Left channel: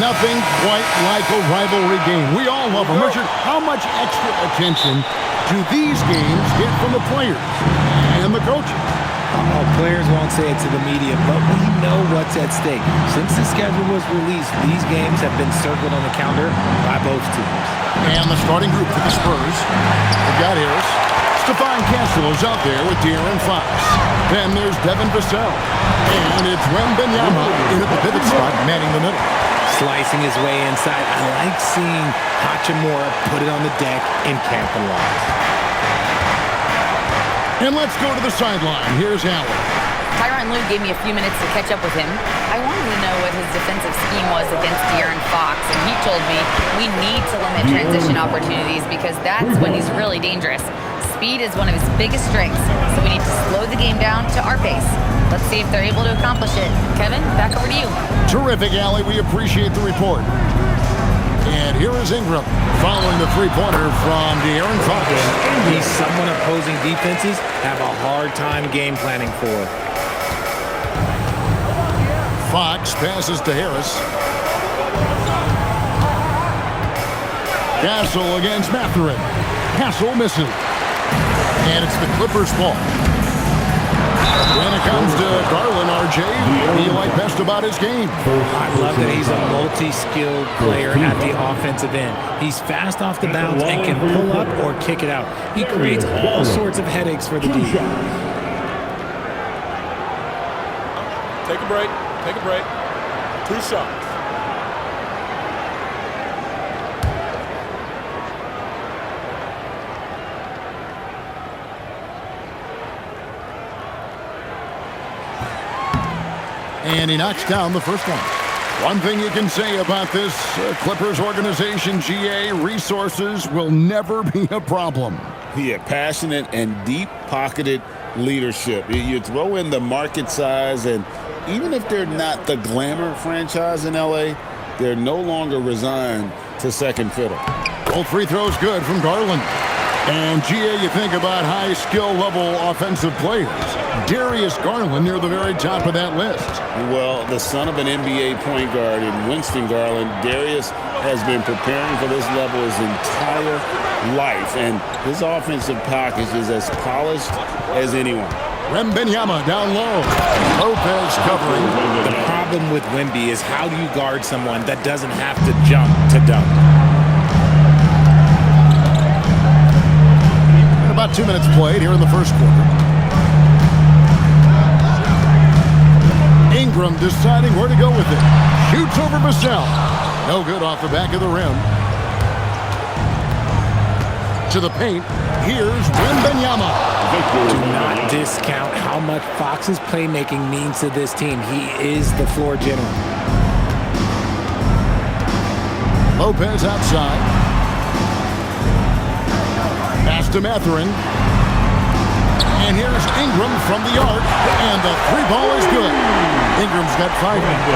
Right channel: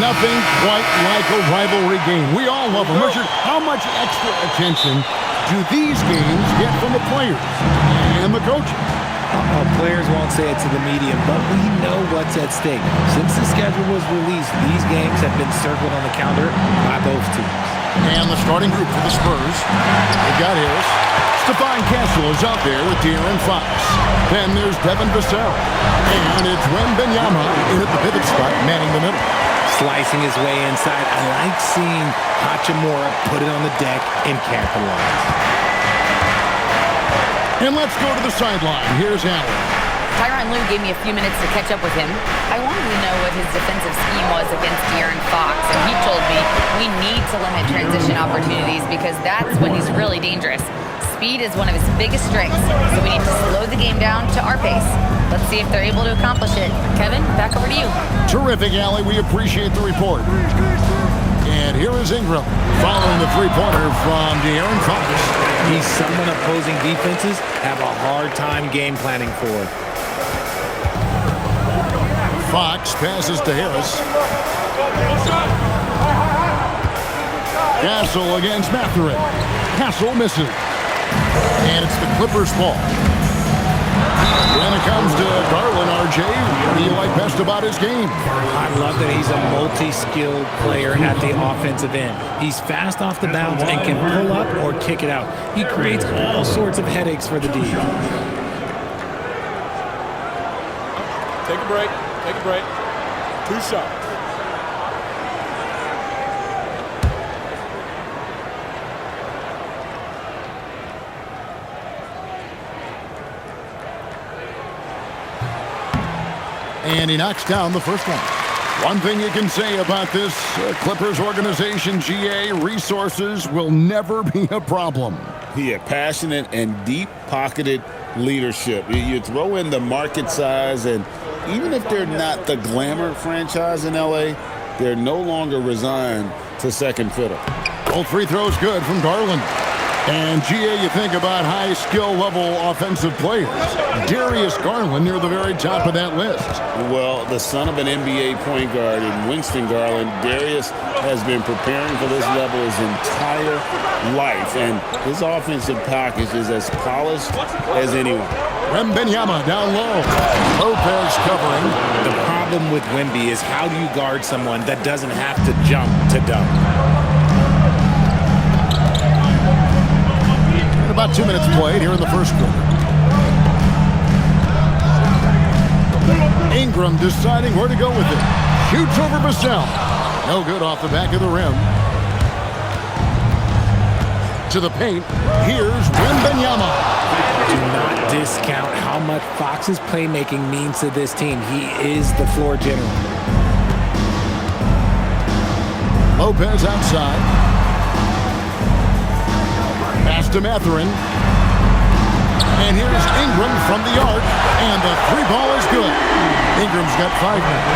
Nothing quite like a rivalry game. We all love them. Richard, how much extra attention do these games get from the players and the coaches? Players won't say it to the media, but we know what's at stake. Since the schedule was released, these games have been circled on the calendar by both teams. And the starting group for the Spurs. They've got Harris. Stephon Castle is out there with De'Aaron Fox. Then there's Devin Vassell. And it's Wembanyama in at the pivot spot, manning the middle. Slicing his way inside. I like seeing Hachimura put it on the deck and capitalize. And let's go to the sideline. Here's Allen. Tyronn Lue gave me a few minutes to catch up with him. I wanted to know what his defensive scheme was against De'Aaron Fox, and he told me we need to limit transition opportunities because that's when he's really dangerous. Speed is one of his biggest strengths, so we need to slow the game down to our pace. Let's see if they're able to accomplish it. Kevin, back over to you. Terrific, Allie. We appreciate the report. And here is Ingram following the three-pointer from De'Aaron Fox. He's someone opposing defenses have a hard time game planning for. Fox passes to Harris. Castle against Mathurin. Castle misses. And it's the Clippers' ball. When it comes to Garland, RJ, what do you like best about his game? I love that he's a multi-skilled player at the offensive end. He's fast off the bounce and can pull up or kick it out. He creates all sorts of headaches for the D. Take a break. Take a break. 2 shots. And he knocks down the first one. One thing you can say about this Clippers organization, GA, resources will never be a problem. Yeah, passionate and deep-pocketed leadership. You throw in the market size, and even if they're not the glamour franchise in L.A., they're no longer resigned to second fiddle. Both free throws good from Garland. And, GA, you think about high skill level offensive players. Darius Garland near the very top of that list. Well, the son of an NBA point guard in Winston Garland, Darius has been preparing for this level his entire life. And his offensive package is as polished as anyone. Wembanyama down low. Lopez covering. The problem with Wemby is how do you guard someone that doesn't have to jump to dunk? About 2 minutes played here in the first quarter. Ingram deciding where to go with it. Shoots over Vassell. No good off the back of the rim. To the paint. Here's Wembanyama. Do not discount how much Fox's playmaking means to this team. He is the floor general. Lopez outside. Pass to Mathurin. And here's Ingram from the arc. And the three ball is good. Ingram's got 5 now.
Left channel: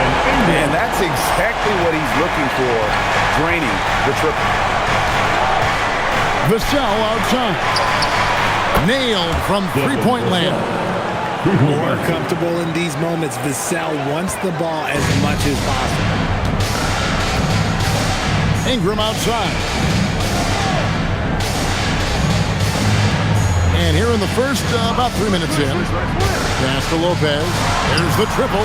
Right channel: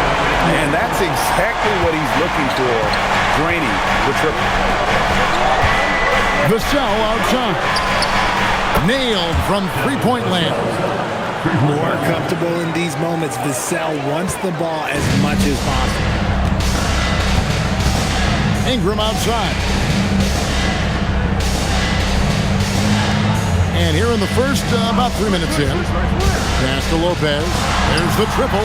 Man, that's exactly what he's looking for. Draining the triple. Vassell outside. Nailed from three-point land. More comfortable in these moments. Vassell wants the ball as much as possible. Ingram outside. And here in the first, about 3 minutes in. Pass to Lopez. There's the triple.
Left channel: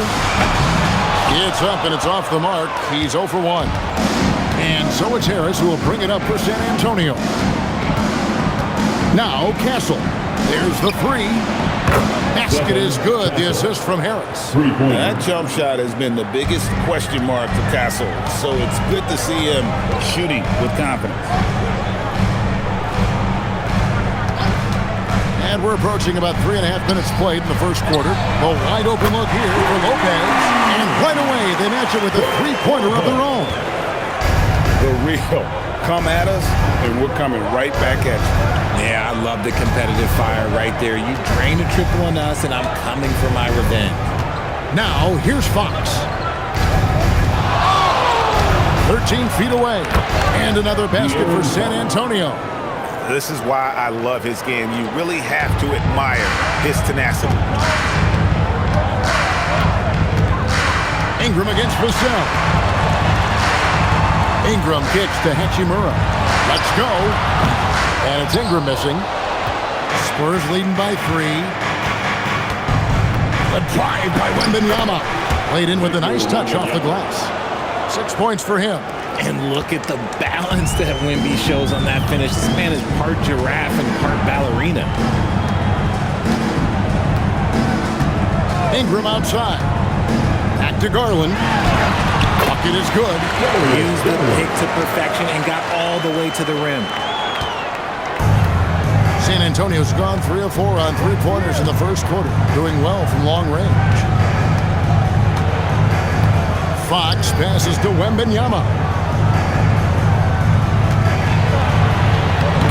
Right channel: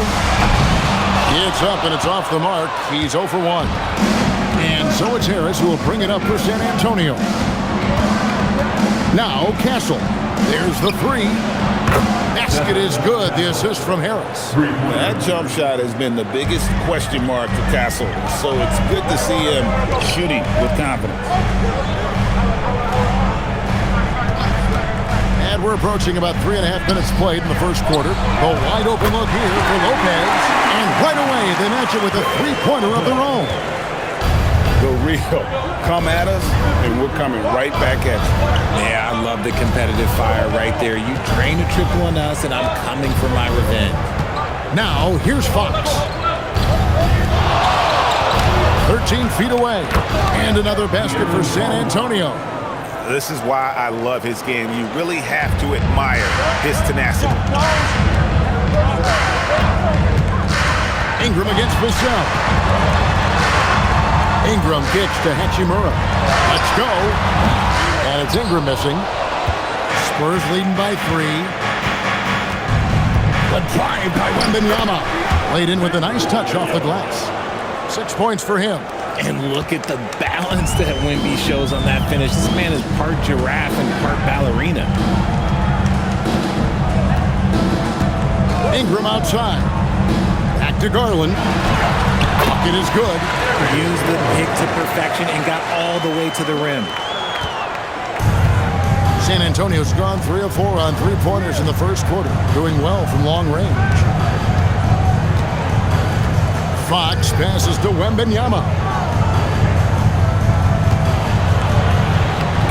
It's up and it's off the mark. He's 0 for 1. And so it's Harris who will bring it up for San Antonio. Now Castle. There's the three. Basket is good. The assist from Harris. That jump shot has been the biggest question mark for Castle. So it's good to see him shooting with confidence. And we're approaching about 3.5 minutes played in the first quarter. The wide open look here for Lopez. And right away, they match it with a three-pointer of their own. The real. Come at us, and we're coming right back at you. Yeah, I love the competitive fire right there. You drain a triple on us, and I'm coming for my revenge. Now, here's Fox. 13 feet away. And another basket for San Antonio. This is why I love his game. You really have to admire his tenacity. Ingram against Vassell. Ingram kicks to Hachimura. Let's go. And it's Ingram missing. Spurs leading by 3. The drive by Wembanyama. Laid in with a nice touch off the glass. 6 points for him. And look at the balance that Wemby shows on that finish. This man is part giraffe and part ballerina. Ingram outside. Back to Garland. Bucket is good. Used the pick to perfection and got all the way to the rim. San Antonio's gone 3 of 4 on three-pointers in the first quarter, doing well from long range. Fox passes to Wembanyama.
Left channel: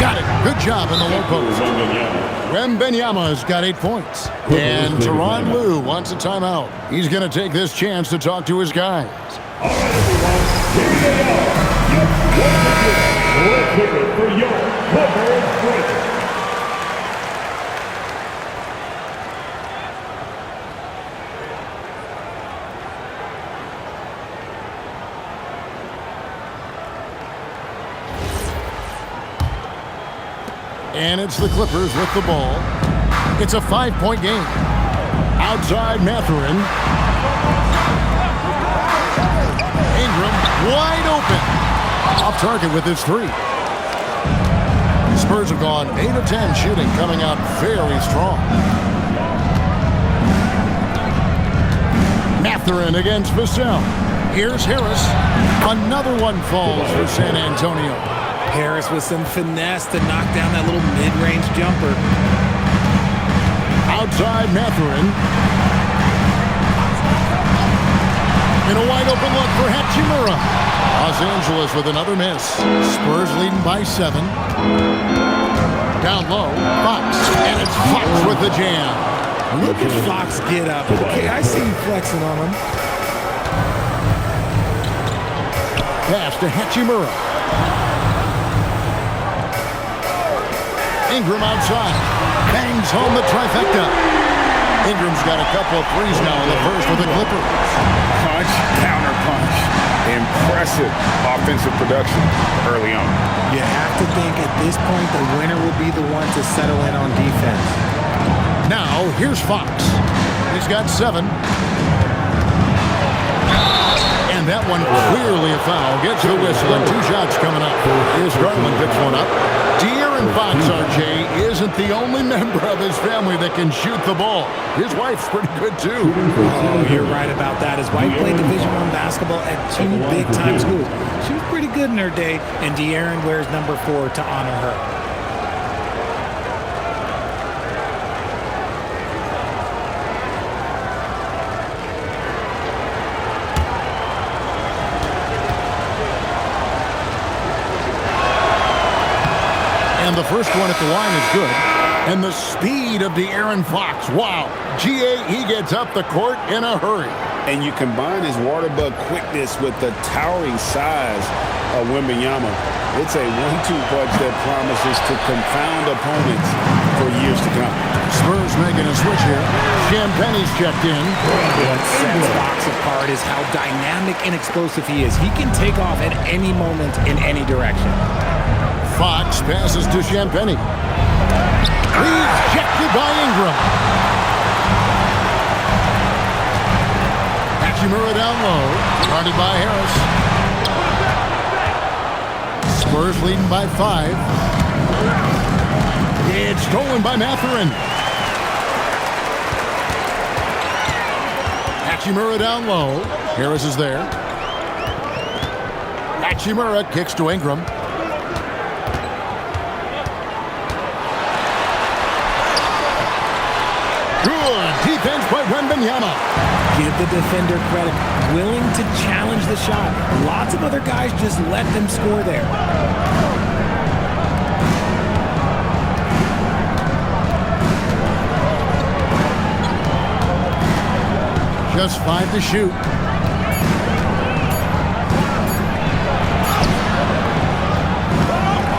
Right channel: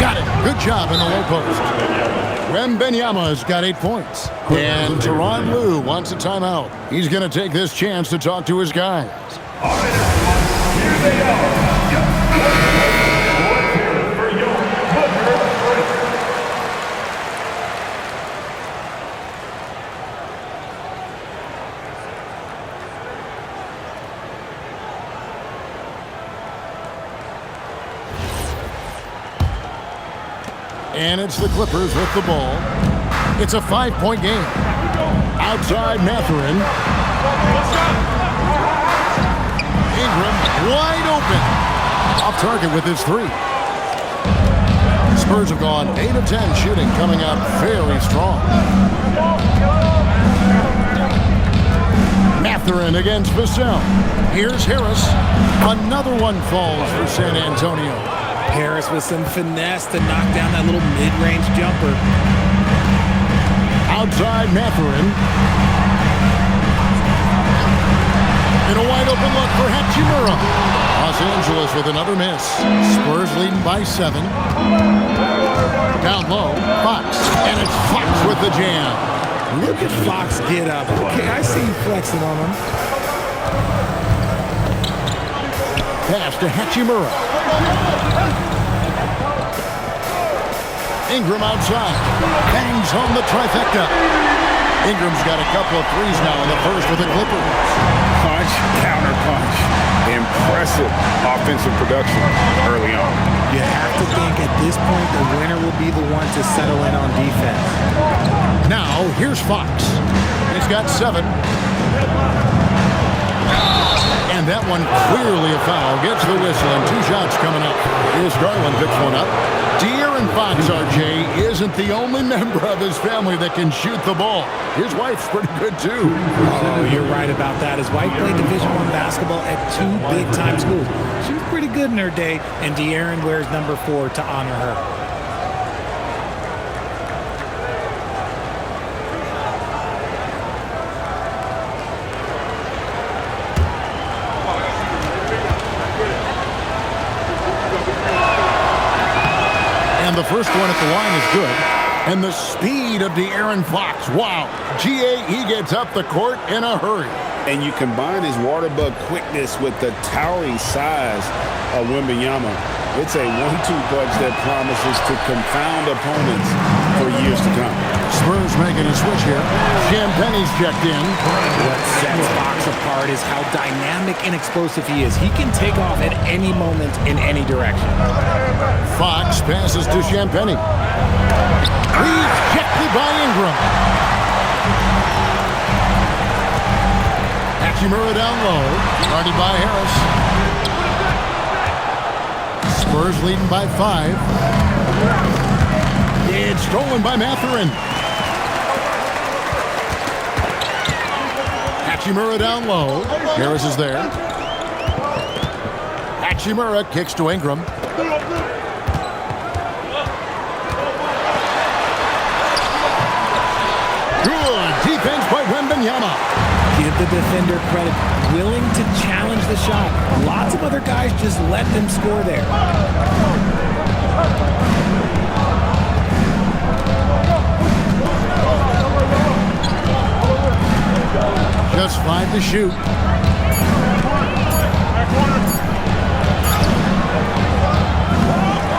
Got it. Good job in the low post. Wembanyama's got 8 points. And Tyronn Lue wants a timeout. He's going to take this chance to talk to his guys. All right, everyone, here they are. Your players. Let's hear it for your cover president. And it's the Clippers with the ball. It's a 5-point game. Outside Mathurin. Ingram wide open. Off target with his 3. Spurs have gone 8 of 10 shooting, coming out very strong. Mathurin against Vassell. Here's Harris. Another one falls for San Antonio. Harris with some finesse to knock down that little mid-range jumper. Outside Mathurin. In a wide open look for Hachimura. Los Angeles with another miss. Spurs leading by 7. Down low, Fox. And it's Fox with the jam. Look at Fox get up. Okay, I see you flexing on him. Pass to Hachimura. Ingram outside. Bangs home the trifecta. Ingram's got a couple of threes now in the first with the Clippers. Punch, counter punch. Impressive offensive production early on. You have to think at this point the winner will be the one to settle in on defense. Now, here's Fox. He's got 7. And that one clearly a foul. Gets the whistle and 2 shots coming up. Here's Garland picks one up. De'Aaron Fox, RJ, isn't the only member of his family that can shoot the ball. His wife's pretty good, too. Oh, you're right about that. His wife played Division I basketball at 2 big-time schools. She was pretty good in her day, and De'Aaron wears number 4 to honor her. And the first one at the line is good. And the speed of De'Aaron Fox. Wow. GA, he gets up the court in a hurry. And you combine his water bug quickness with the towering size of Wembanyama. It's a 1-2 punch that promises to confound opponents for years to come. Spurs making a switch here. Champagne's checked in. What sets Fox apart is how dynamic and explosive he is. He can take off at any moment in any direction. Fox passes to Champagne. Rejected by Ingram. Hachimura down low. Guarded by Harris. Spurs leading by 5. It's stolen by Mathurin. Hachimura down low. Harris is there. Hachimura kicks to Ingram. Good defense by Wembanyama. Give the defender credit. Willing to challenge the shot. Lots of other guys just let them score there. Just 5 to shoot.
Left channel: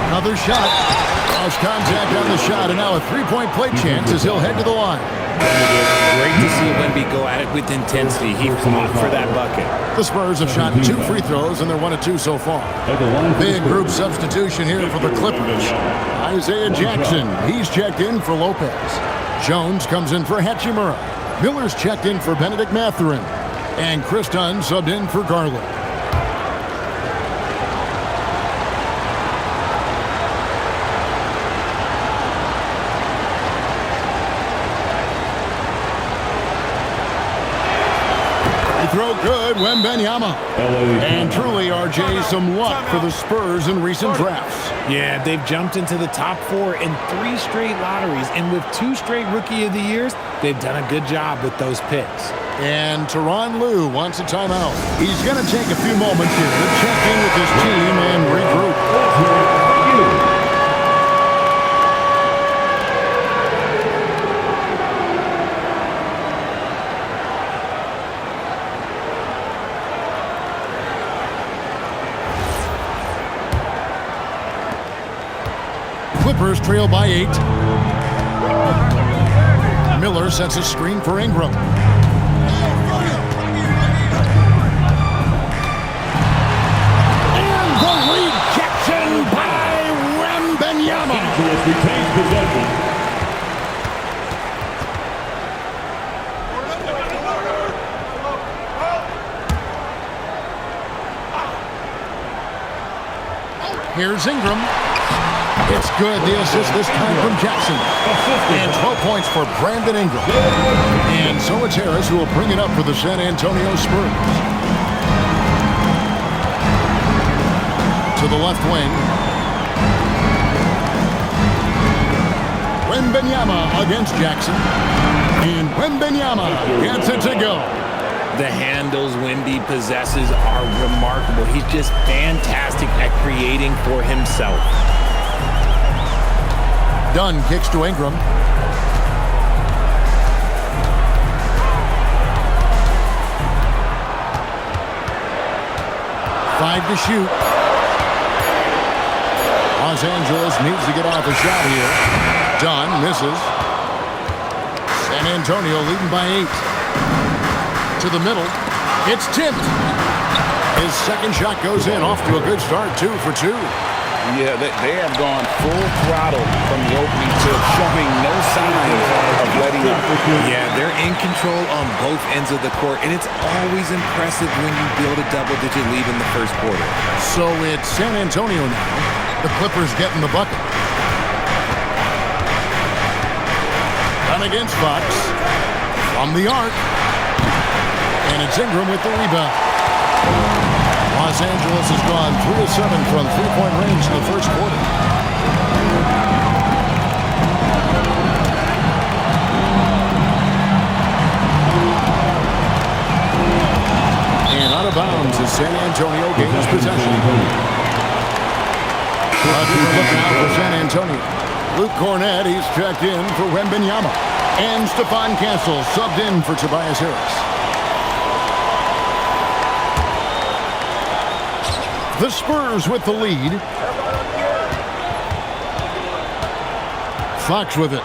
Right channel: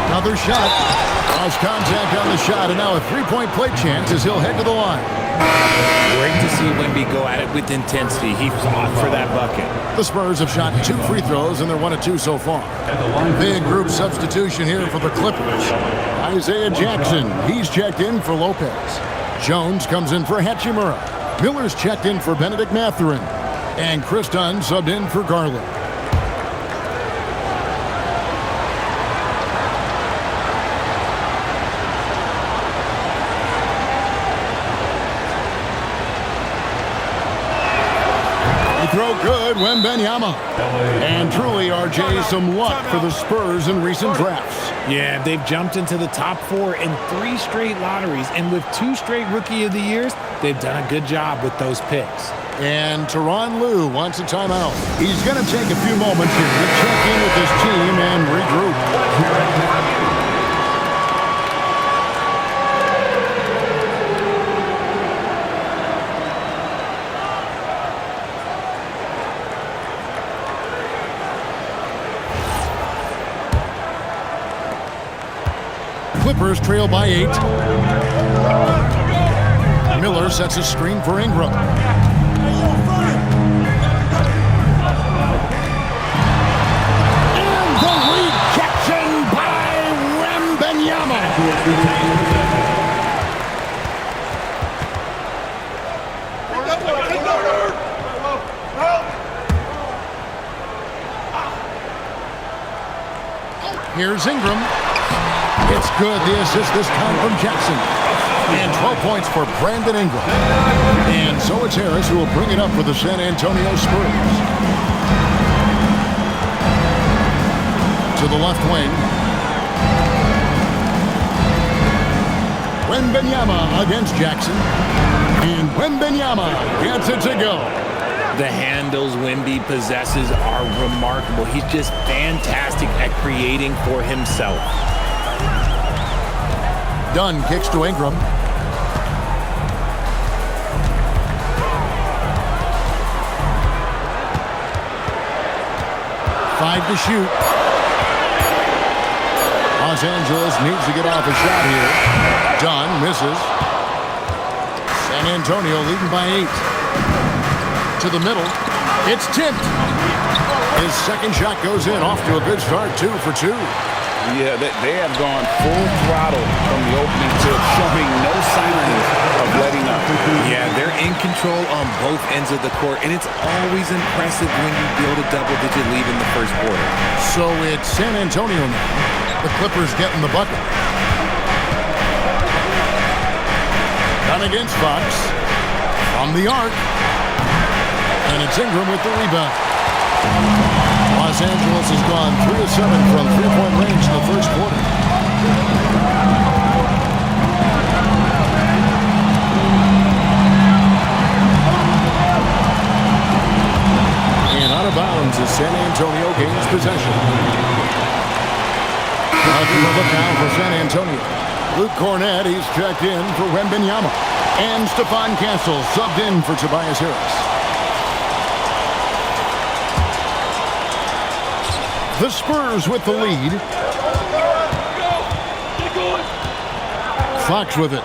Another shot. Cross contact on the shot, and now a 3-point play chance as he'll head to the line. Great to see Wemby go at it with intensity. He fought for that bucket. The Spurs have shot 2 free throws, and they're 1 of 2 so far. Big group substitution here for the Clippers. Isaiah Jackson, he's checked in for Lopez. Jones comes in for Hachimura. Miller's checked in for Benedict Mathurin. And Chris Dunn subbed in for Garland. Throw good, Wembanyama. And truly, RJ, some luck for the Spurs in recent drafts. Yeah, they've jumped into the top 4 in 3 straight lotteries, and with 2 straight Rookie of the Years, they've done a good job with those picks. And Tyronn Lue wants a timeout. He's going to take a few moments here to check in with his team and regroup. Clippers trail by 8. Miller sets a screen for Ingram. And the rejection by Wembanyama. Here's Ingram. It's good, the assist this time from Jackson. And 12 points for Brandon Ingram. And so it's Harris who will bring it up for the San Antonio Spurs. To the left wing. Wembanyama against Jackson. And Wembanyama gets it to go. The handles Wemby possesses are remarkable. He's just fantastic at creating for himself. Dunn kicks to Ingram. Five to shoot. Los Angeles needs to get off a shot here. Dunn misses. San Antonio leading by 8. To the middle. It's tipped. His second shot goes in. Off to a good start. 2 for 2. Yeah, they have gone full throttle from the opening tip, showing no signs of letting up. Yeah, they're in control on both ends of the court, and it's always impressive when you build a double-digit lead in the first quarter. So it's San Antonio now. The Clippers getting the bucket. Done against Fox. From the arc. And it's Ingram with the rebound. Los Angeles has gone 3 of 7 from three-point range in the first quarter. And out of bounds as San Antonio gains possession. A different look now for San Antonio. Luke Cornett, he's checked in for Wembanyama. And Stephon Castle subbed in for Tobias Harris. The Spurs with the lead. Fox with it.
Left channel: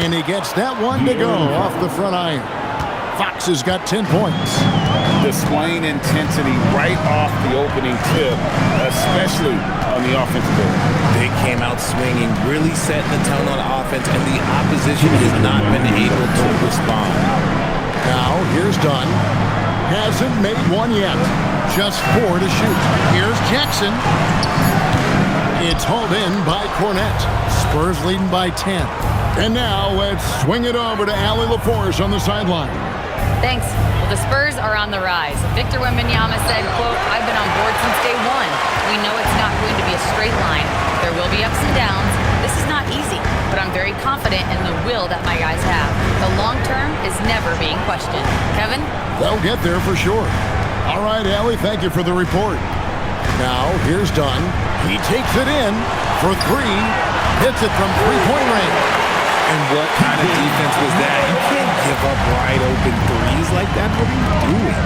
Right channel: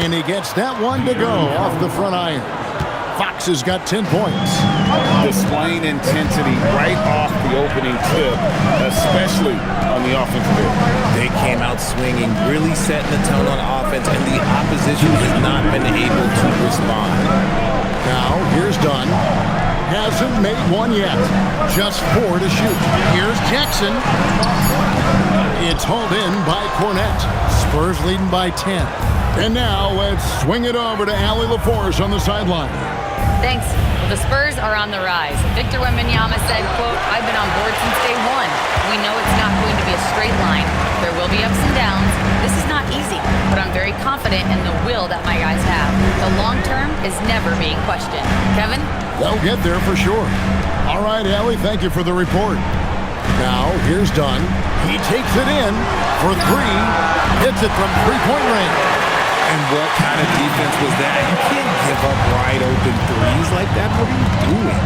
And he gets that one to go off the front iron. Fox has got 10 points. Displaying intensity right off the opening tip, especially on the offensive end. They came out swinging, really setting the tone on offense, and the opposition has not been able to respond. Now, here's Dunn. Hasn't made one yet. Just 4 to shoot. Here's Jackson. It's hauled in by Cornett. Spurs leading by 10. And now let's swing it over to Allie LaForce on the sideline. Thanks. Well, the Spurs are on the rise. Victor Wembanyama said, quote, "I've been on board since day one. We know it's not going to be a straight line. There will be ups and downs. This is not easy, but I'm very confident in the will that my guys have. The long term is never being questioned." Kevin? They'll get there for sure. All right, Allie, thank you for the report. Now, here's Dunn. He takes it in for 3. Hits it from three-point range. And what kind of defense was that? You can't give up wide open threes like that. What are you doing?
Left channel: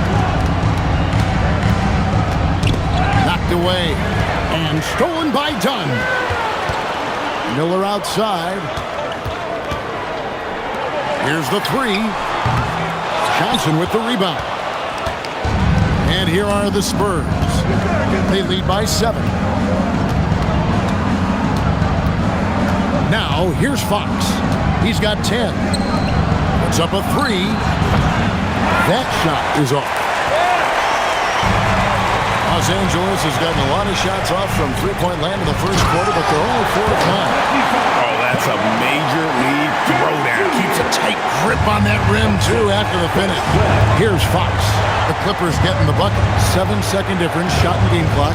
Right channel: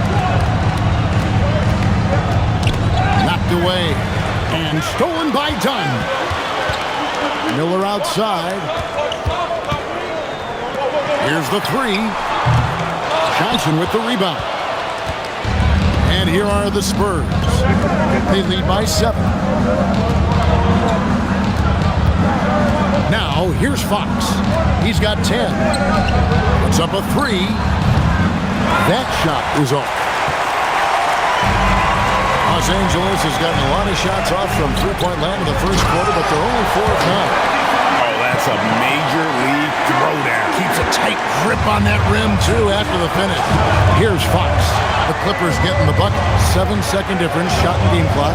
Knocked away and stolen by Dunn. Miller outside. Here's the three. Johnson with the rebound. And here are the Spurs. They lead by 7. Now, here's Fox. He's got 10. Puts up a 3. That shot is off. Los Angeles has gotten a lot of shots off from three-point land in the first quarter, but they're only 4 of 9. Oh, that's a major league throwdown. Keeps a tight grip on that rim, too, after the finish. Here's Fox. The Clippers getting the bucket. 7-second difference, shot and game clock.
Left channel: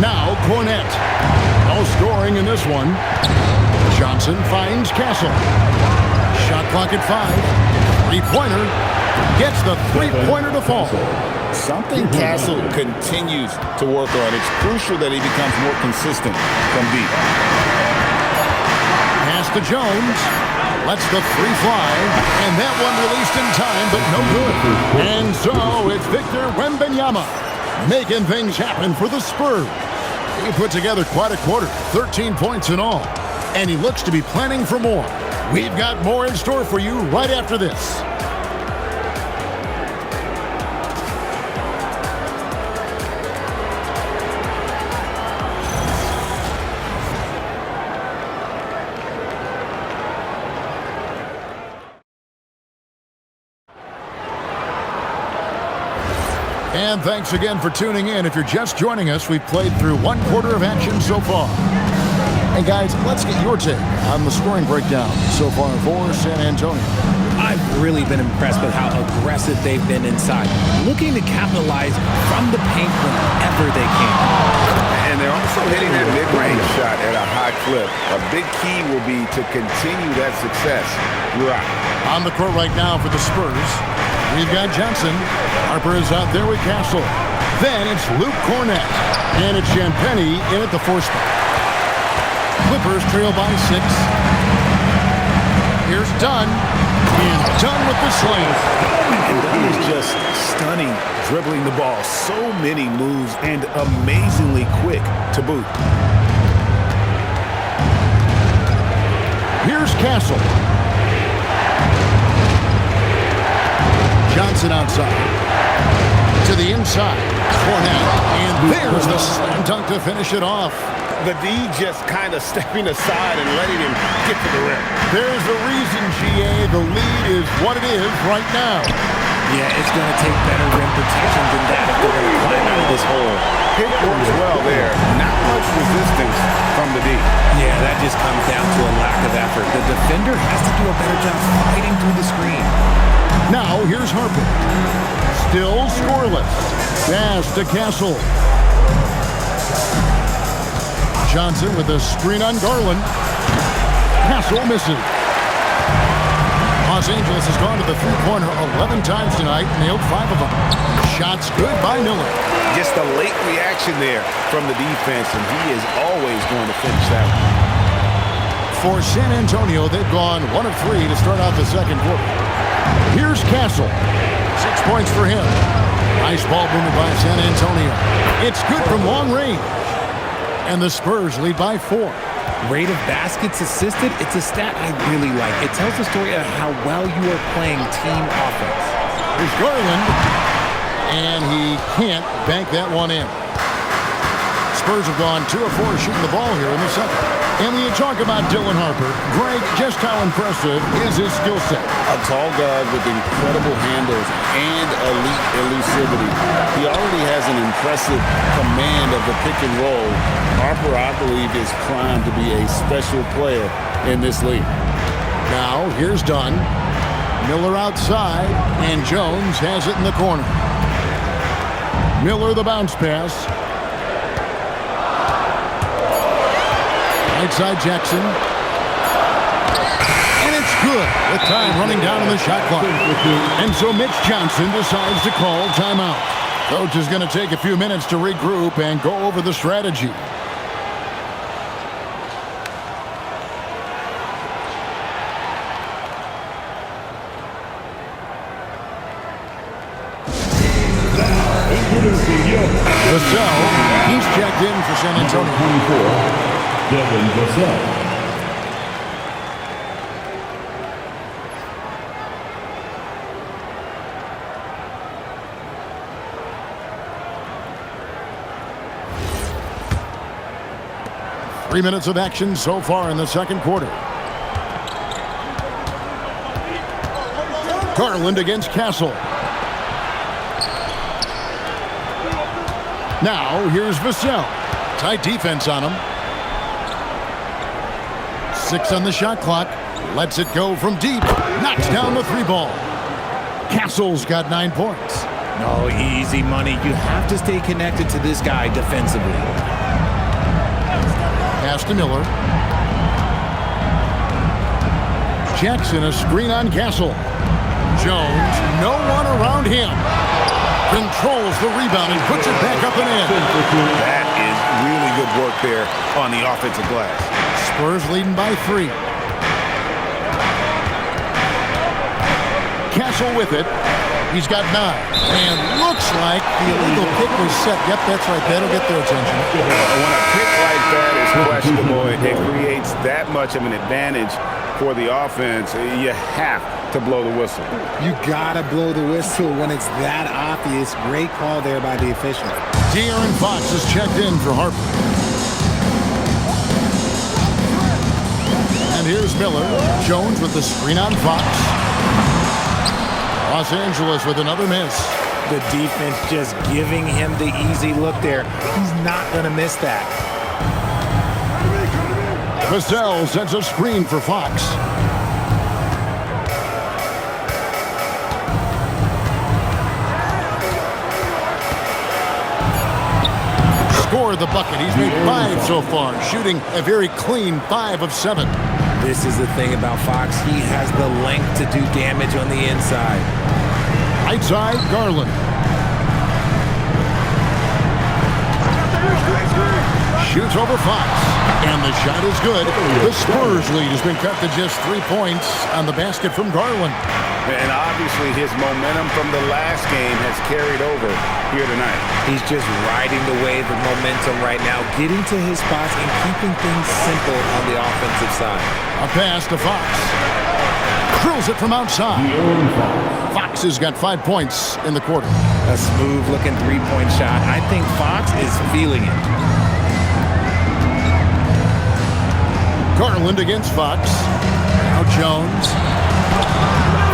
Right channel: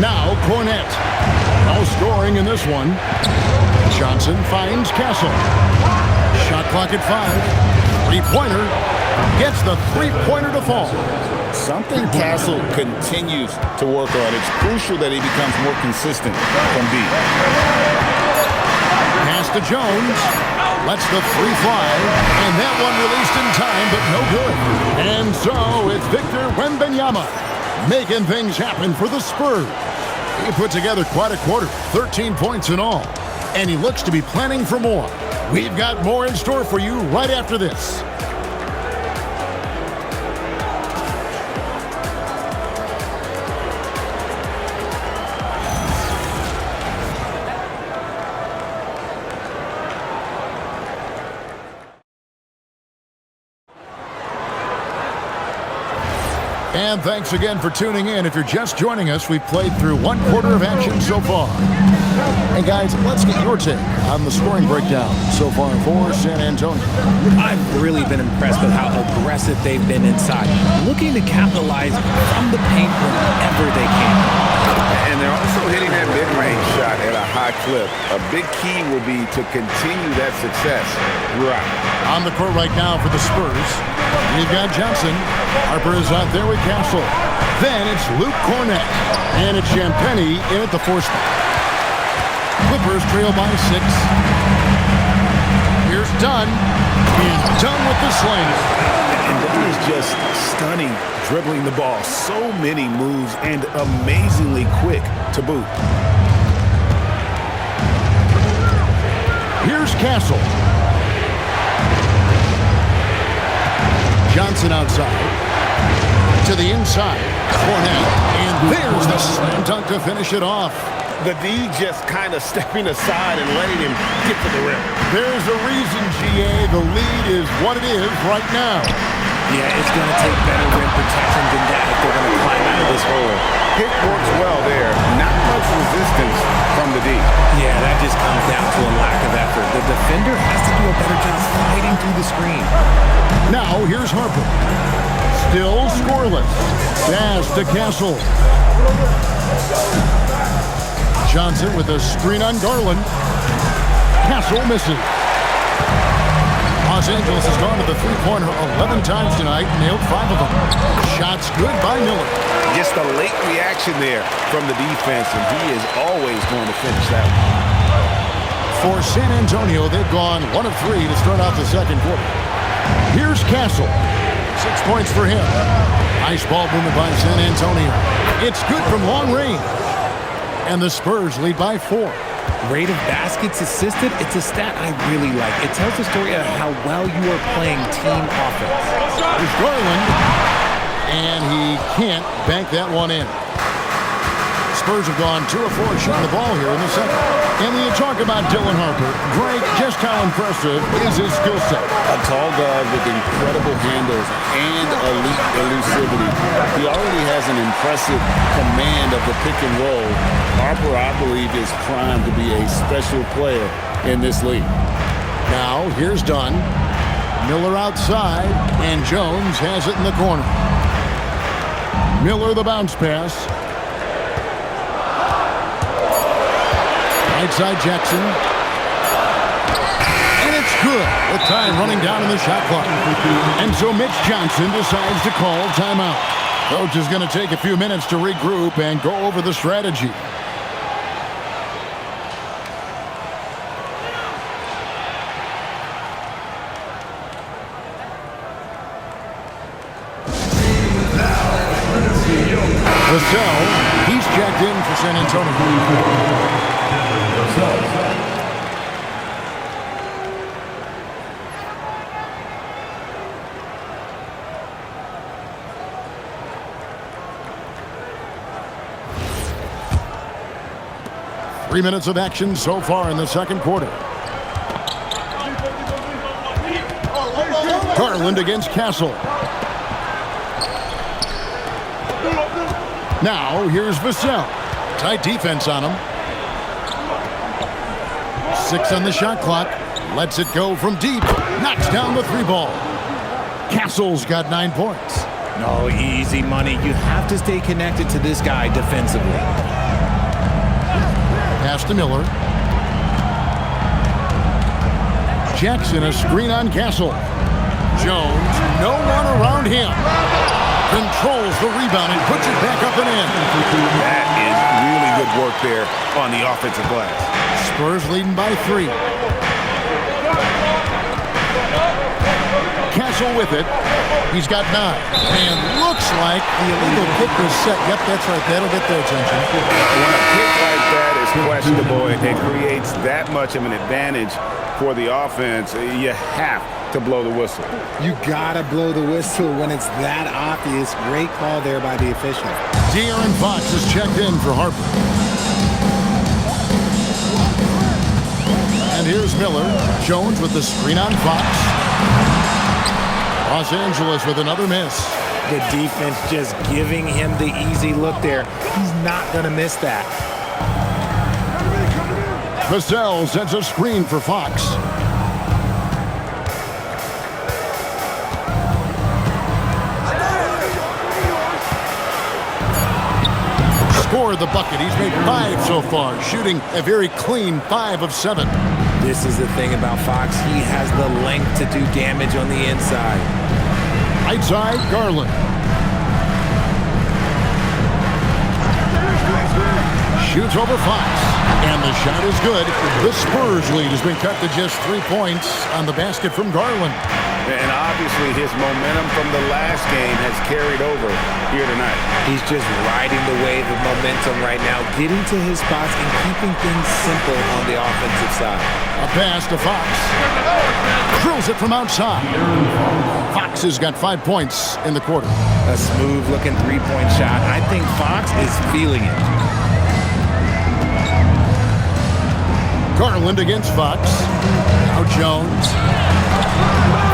Now, Cornette. No scoring in this one. Johnson finds Castle. Shot clock at 5. Three-pointer. Gets the three-pointer to fall. Something Castle continues to work on. It's crucial that he becomes more consistent from deep. Pass to Jones. Lets the 3 fly. And that one released in time, but no good. And so it's Victor Wembanyama making things happen for the Spurs. He put together quite a quarter, 13 points in all. And he looks to be planning for more. We've got more in store for you right after this. And thanks again for tuning in. If you're just joining us, we've played through 1 quarter of action so far. And guys, let's get your take on the scoring breakdown so far for San Antonio. I've really been impressed with how aggressive they've been inside, looking to capitalize from the paint whenever they can. And they're also hitting that mid-range shot at a high clip. A big key will be to continue that success throughout. On the court right now for the Spurs, we've got Johnson. Harper is out there with Castle. Then it's Luke Cornette. And it's Champagnie in at the 4 spot. Clippers trail by 6. Here's Dunn. And Dunn with the slam. And Dunn is just stunning, dribbling the ball. So many moves and amazingly quick to boot. Here's Castle. Johnson outside. To the inside. Cornette. And there's the slam dunk to finish it off. The D just kind of stepping aside and letting him get to the rim. There's a reason, GA. The lead is what it is right now. Yeah, it's going to take better rim protection than that if they're going to climb out of this hole. Pick works well there. Not much resistance from the D. Yeah, that just comes down to a lack of effort. The defender has to do a better job fighting through the screen. Now, here's Harper. Still scoreless. Pass to Castle. Johnson with a screen on Garland. Castle misses. Los Angeles has gone to the three-pointer 11 times tonight, nailed 5 of them. Shots good by Miller. Just a late reaction there from the defense, and he is always going to finish that one. For San Antonio, they've gone 1 of 3 to start out the second quarter. Here's Castle. 6 points for him. Nice ball movement by San Antonio. It's good from long range. And the Spurs lead by 4. Rate of baskets assisted, it's a stat I really like. It tells the story of how well you are playing team offense. There's Garland. And he can't bank that one in. Spurs have gone 2 of 4 shooting the ball here in the second. And when you talk about Dylan Harper, Greg, just how impressive is his skill set? A tall guard with incredible handles and elite elusivity. He already has an impressive command of the pick and roll. Harper, I believe, is primed to be a special player in this league. Now, here's Dunn. Miller outside, and Jones has it in the corner. Miller the bounce pass. Right side Jackson. And it's good with time running down in the shot clock. And so Mitch Johnson decides to call timeout. Coach is going to take a few minutes to regroup and go over the strategy. Vassell, he's checked in for San Antonio. 24, Devin Vassell. 3 minutes of action so far in the second quarter. Garland against Castle. Now, here's Vassell. Tight defense on him. 6 on the shot clock. Lets it go from deep. Knocks down the 3 ball. Castle's got 9 points. No, easy money. You have to stay connected to this guy defensively. Pass to Miller. Jackson, a screen on Castle. Jones, no one around him. Controls the rebound and puts it back up and in. That is really good work there on the offensive glass. Spurs leading by 3. Castle with it. He's got 9. And looks like the illegal kick was set. Yep, that's right. That'll get their attention. When a kick like that is questionable, it creates that much of an advantage for the offense. You have to blow the whistle. You gotta blow the whistle when it's that obvious. Great call there by the official. De'Aaron Fox is checked in for Harper. And here's Miller. Jones with the screen on Fox. Los Angeles with another miss. The defense just giving him the easy look there. He's not gonna miss that. Vassell sends a screen for Fox. Scored the bucket. He's made 5 so far, shooting a very clean 5 of 7. This is the thing about Fox. He has the length to do damage on the inside. Right side, Garland. Shoots over Fox. And the shot is good. The Spurs lead has been cut to just 3 points on the basket from Garland. And obviously his momentum from the last game has carried over here tonight. He's just riding the wave of momentum right now, getting to his spots and keeping things simple on the offensive side. A pass to Fox. Drills it from outside. Fox has got 5 points in the quarter. A smooth-looking three-point shot. I think Fox is feeling it. Garland against Fox. Now Jones.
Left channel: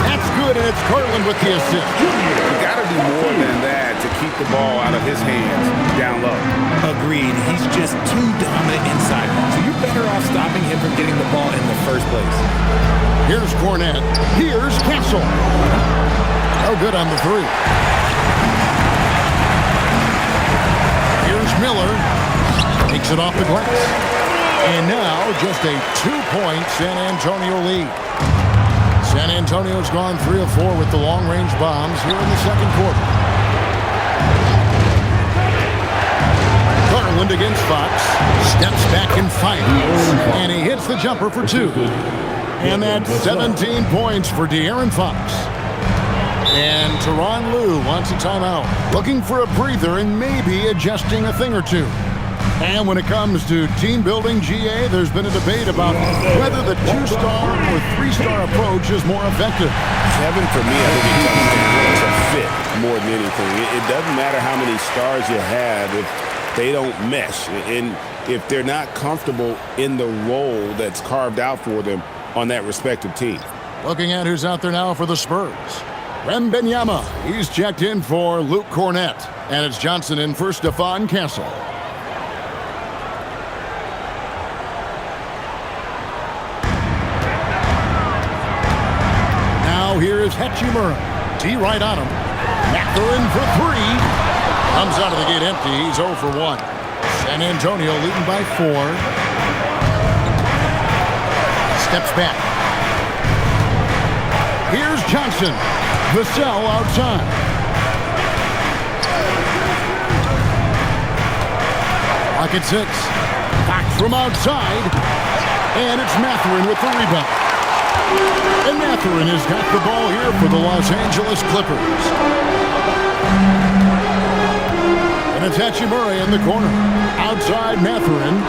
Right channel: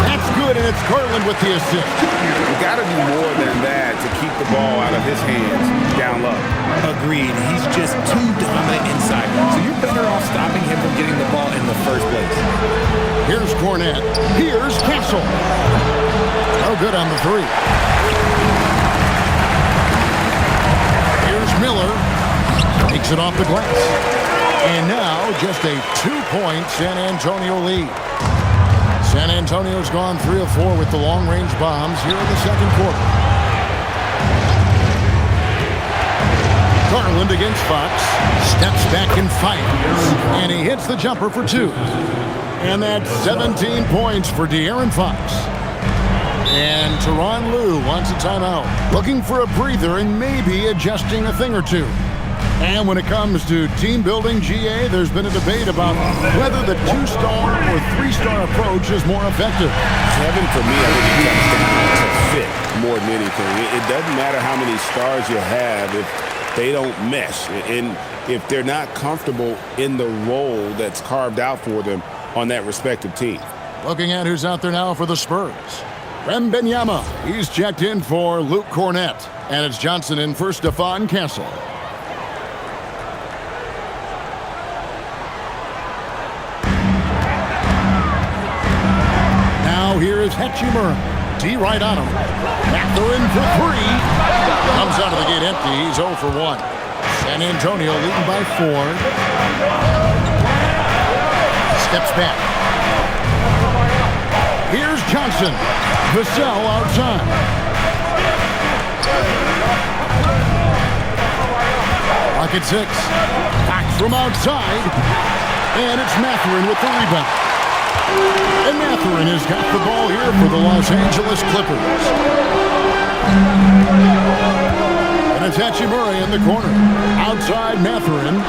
That's good, and it's Garland with the assist. You got to do more than that to keep the ball out of his hands down low. Agreed. He's just too dominant inside. So you're better off stopping him from getting the ball in the first place. Here's Cornette. Here's Castle. No good on the 3. Here's Miller. Takes it off the glass. And now just a 2-point San Antonio lead. San Antonio's gone 3 of 4 with the long-range bombs here in the second quarter. Garland against Fox. Steps back and fires. And he hits the jumper for 2. And that's 17 points for De'Aaron Fox. And Tyronn Lue wants a timeout. Looking for a breather and maybe adjusting a thing or 2. And when it comes to team building, GA, there's been a debate about whether the 2-star or 3-star approach is more effective. Kevin, for me, I think it comes down to fit more than anything. It doesn't matter how many stars you have if they don't mesh. And if they're not comfortable in the role that's carved out for them on that respective team. Looking at who's out there now for the Spurs. Wembanyama, he's checked in for Luke Cornette. And it's Johnson in for Stephon Castle. Now here is Hachimura. D right on him. Mathurin for 3. Comes out of the gate empty. He's 0 for 1. San Antonio leading by 4. Steps back. Here's Johnson. Vassell outside. Clock at 6. Fox from outside. And it's Mathurin with the rebound. And Mathurin has got the ball here for the Los Angeles Clippers. And it's Hachimura in the corner. Outside Mathurin.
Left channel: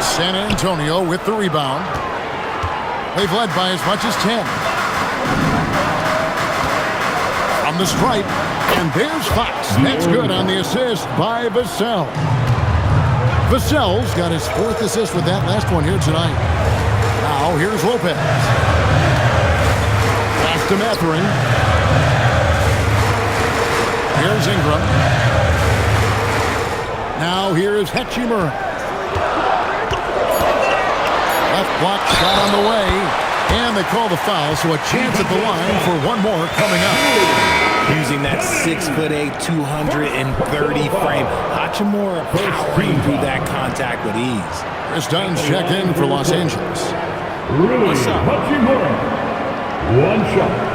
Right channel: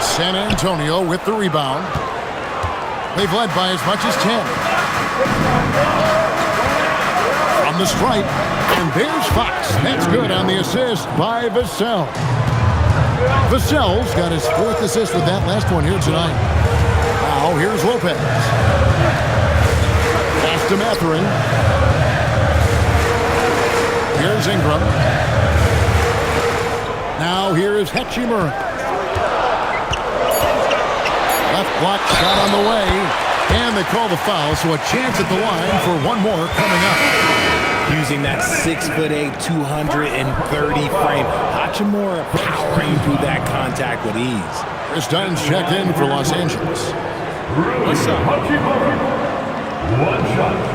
San Antonio with the rebound. They've led by as much as 10. From the stripe. And there's Fox. That's good on the assist by Vassell. Vassell's got his 4th assist with that last one here tonight. Now here's Lopez. Pass to Mathurin. Here's Ingram. Now here is Hachimura. Left block shot on the way. And they call the foul, so a chance at the line for one more coming up. Using that 6'8", 230 frame. Hachimura powering through that contact with ease. Chris Dunn's checked in for Los Angeles. Rui Hachimura. One shot.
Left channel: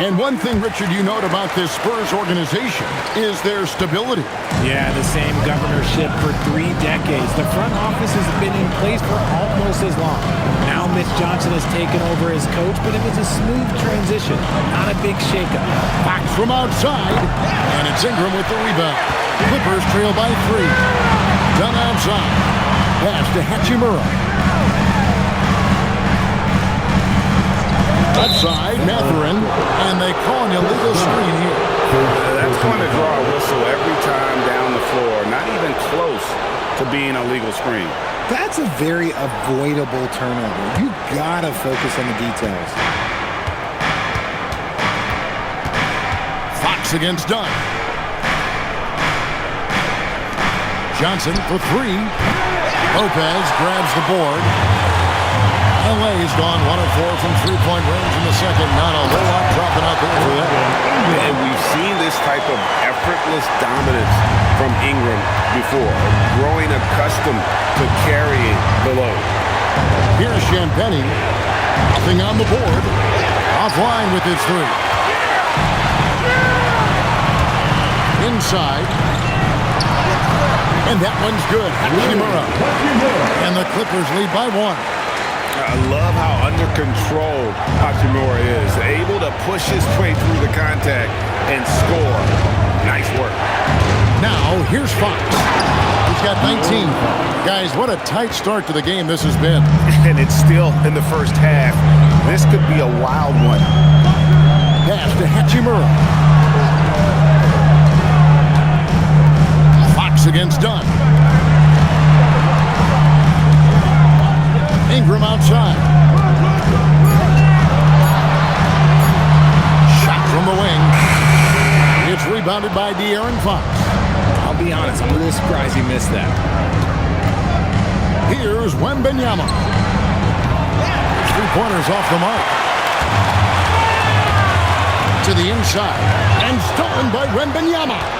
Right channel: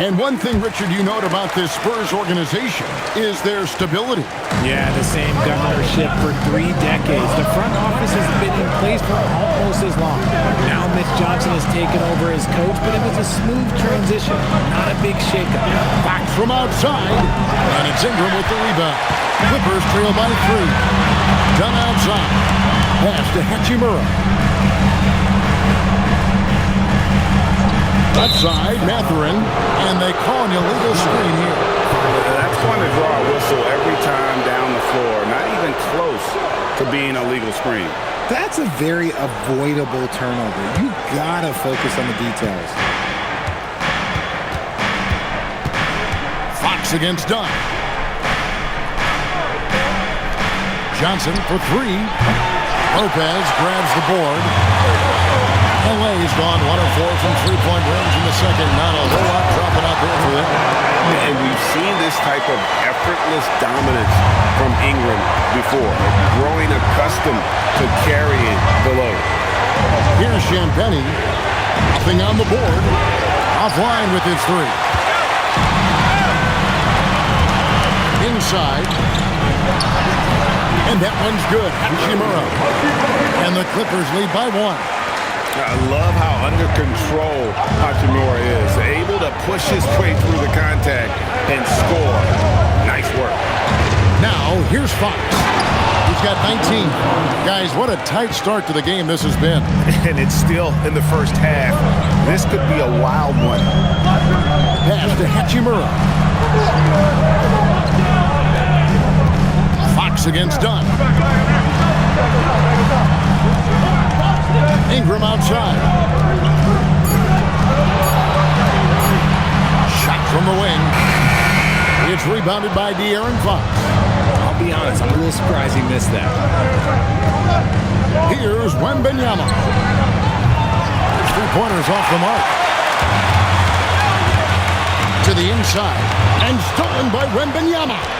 And one thing, Richard, you note about this Spurs organization is their stability. Yeah, the same governorship for 3 decades. The front office has been in place for almost as long. Now Mitch Johnson has taken over as coach, but it was a smooth transition, not a big shakeup. Fox from outside, and it's Ingram with the rebound. Clippers trail by 3. Dunn outside. Pass to Hachimura. Left side, Mathurin, and they call an illegal screen here. That's going to draw a whistle every time down the floor. Not even close to being a legal screen. That's a very avoidable turnover. You gotta focus on the details. Fox against Dunn. Johnson for 3. Lopez grabs the board. LA's gone 1 of 4 from three-point range in the second. Not a whole lot dropping out there for them. And we've seen this type of effortless dominance from Ingram before, growing accustomed to carrying the load. Here's Champagnie. Nothing on the board. Offline with his 3. Inside. And that one's good. Hachimura. And the Clippers lead by 1. I love how under control Hachimura is. Able to push his way through the contact and score. Nice work. Now, here's Fox. He's got 19. Guys, what a tight start to the game this has been. And it's still in the first half. This could be a wild one. Pass to Hachimura. Fox against Dunn. Ingram outside. Shot from the wing. It's rebounded by De'Aaron Fox. I'll be honest, I'm a little surprised he missed that. Here's Wembanyama. His 3-pointers off the mark. To the inside. And stolen by Wembanyama.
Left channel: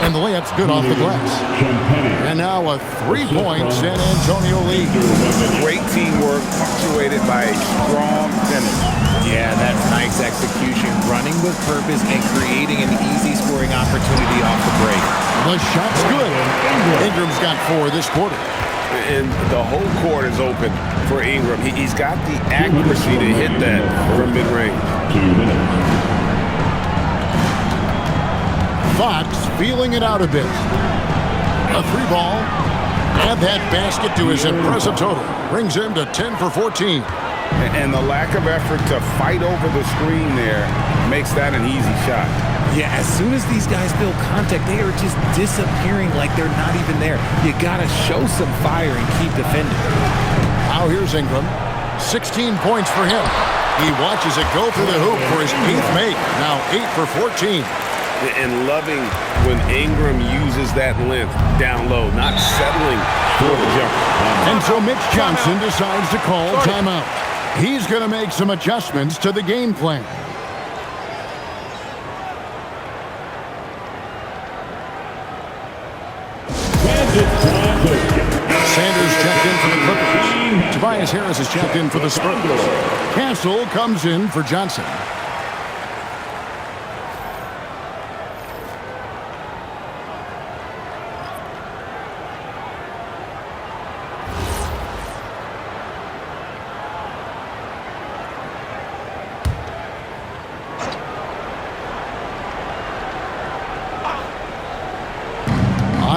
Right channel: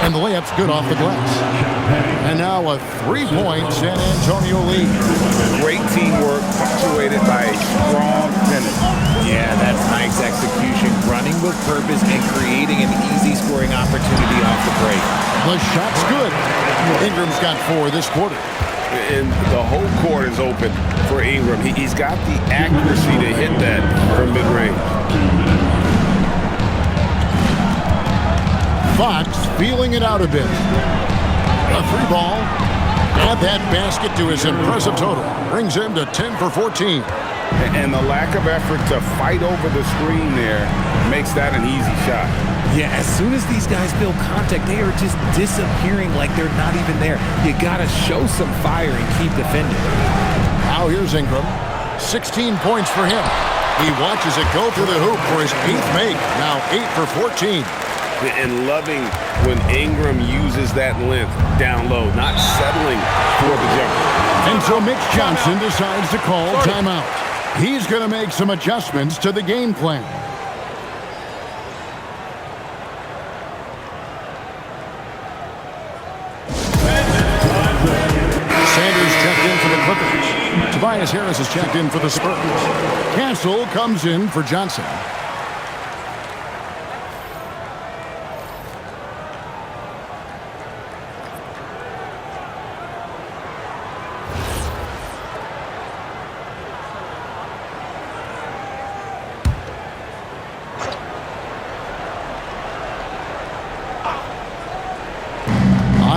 And the layup's good off the glass. And now a 3-point San Antonio lead. Great teamwork punctuated by a strong finish. Yeah, that's nice execution, running with purpose and creating an easy scoring opportunity off the break. The shot's good. Ingram's got 4 this quarter. And the whole court is open for Ingram. He's got the accuracy to hit that from mid-range. 2 minutes. Fox feeling it out a bit. A 3-ball. Add that basket to his impressive total. Brings him to 10 for 14. And the lack of effort to fight over the screen there makes that an easy shot. Yeah, as soon as these guys feel contact, they are just disappearing like they're not even there. You got to show some fire and keep defending. Now here's Ingram. 16 points for him. He watches it go through the hoop for his 8th make. Now 8 for 14. And loving when Ingram uses that length down low, not settling for the jumper. And so Mitch Johnson decides to call timeout. He's going to make some adjustments to the game plan. Sanders checked in for the Clippers. Tobias Harris has checked in for the Spurs. Castle comes in for Johnson.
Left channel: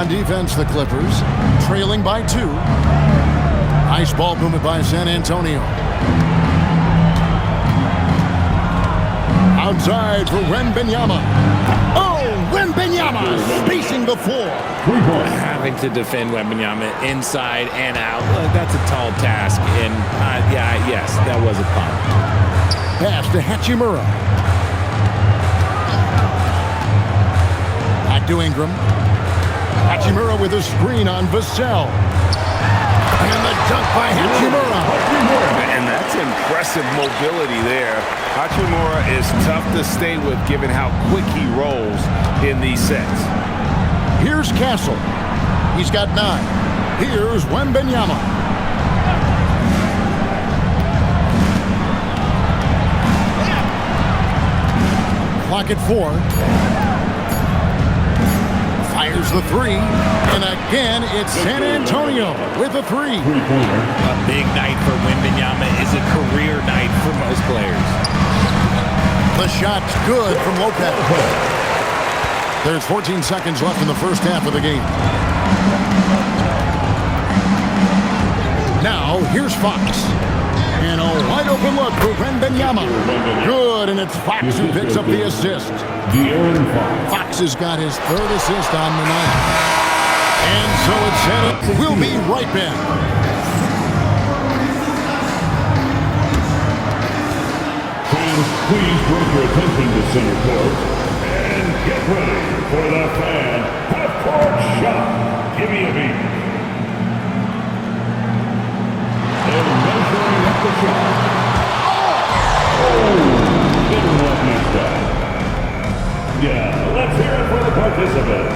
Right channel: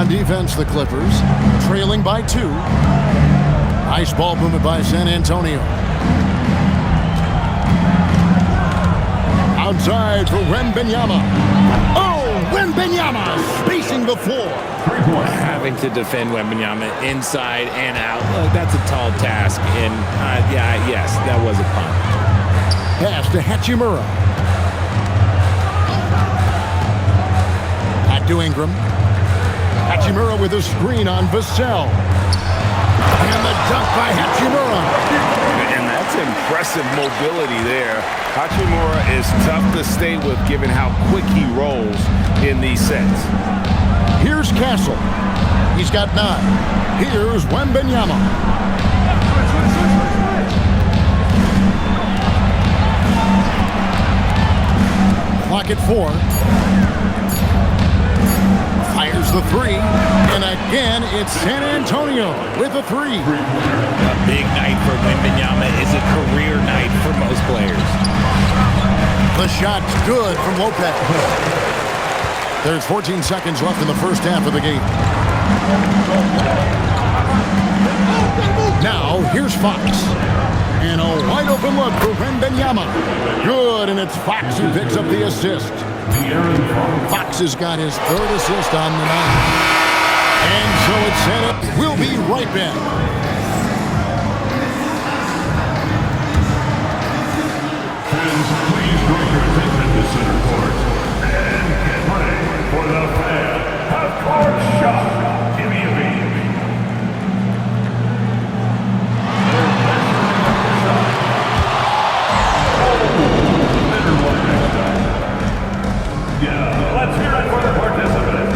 On defense, the Clippers trailing by 2. Nice ball movement by San Antonio. Outside for Wembanyama. Oh, Wembanyama spacing the floor. Having to defend Wembanyama inside and out, look, that's a tall task. And yes, that was a punt. Pass to Hachimura. Back to Ingram. Hachimura with a screen on Vassell. And the dunk by Hachimura. And that's impressive mobility there. Hachimura is tough to stay with given how quick he rolls in these sets. Here's Castle. He's got 9. Here's Wembanyama. Clock at 4. Fires the 3. And again, it's San Antonio with a 3. A big night for Wembanyama is a career night for most players. The shot's good from Lopez. There's 14 seconds left in the first half of the game. Now, here's Fox. And a wide open look for Wembanyama. Good, and it's Fox who picks up the assist. Fox has got his 3rd assist on the night. And so it's set. We'll be right back. Fans, please direct your attention to center court and get ready for the fan half-court shot. Give me a beat. They're measuring up the shot. Oh, better luck next time. Yeah, let's hear it for the participants.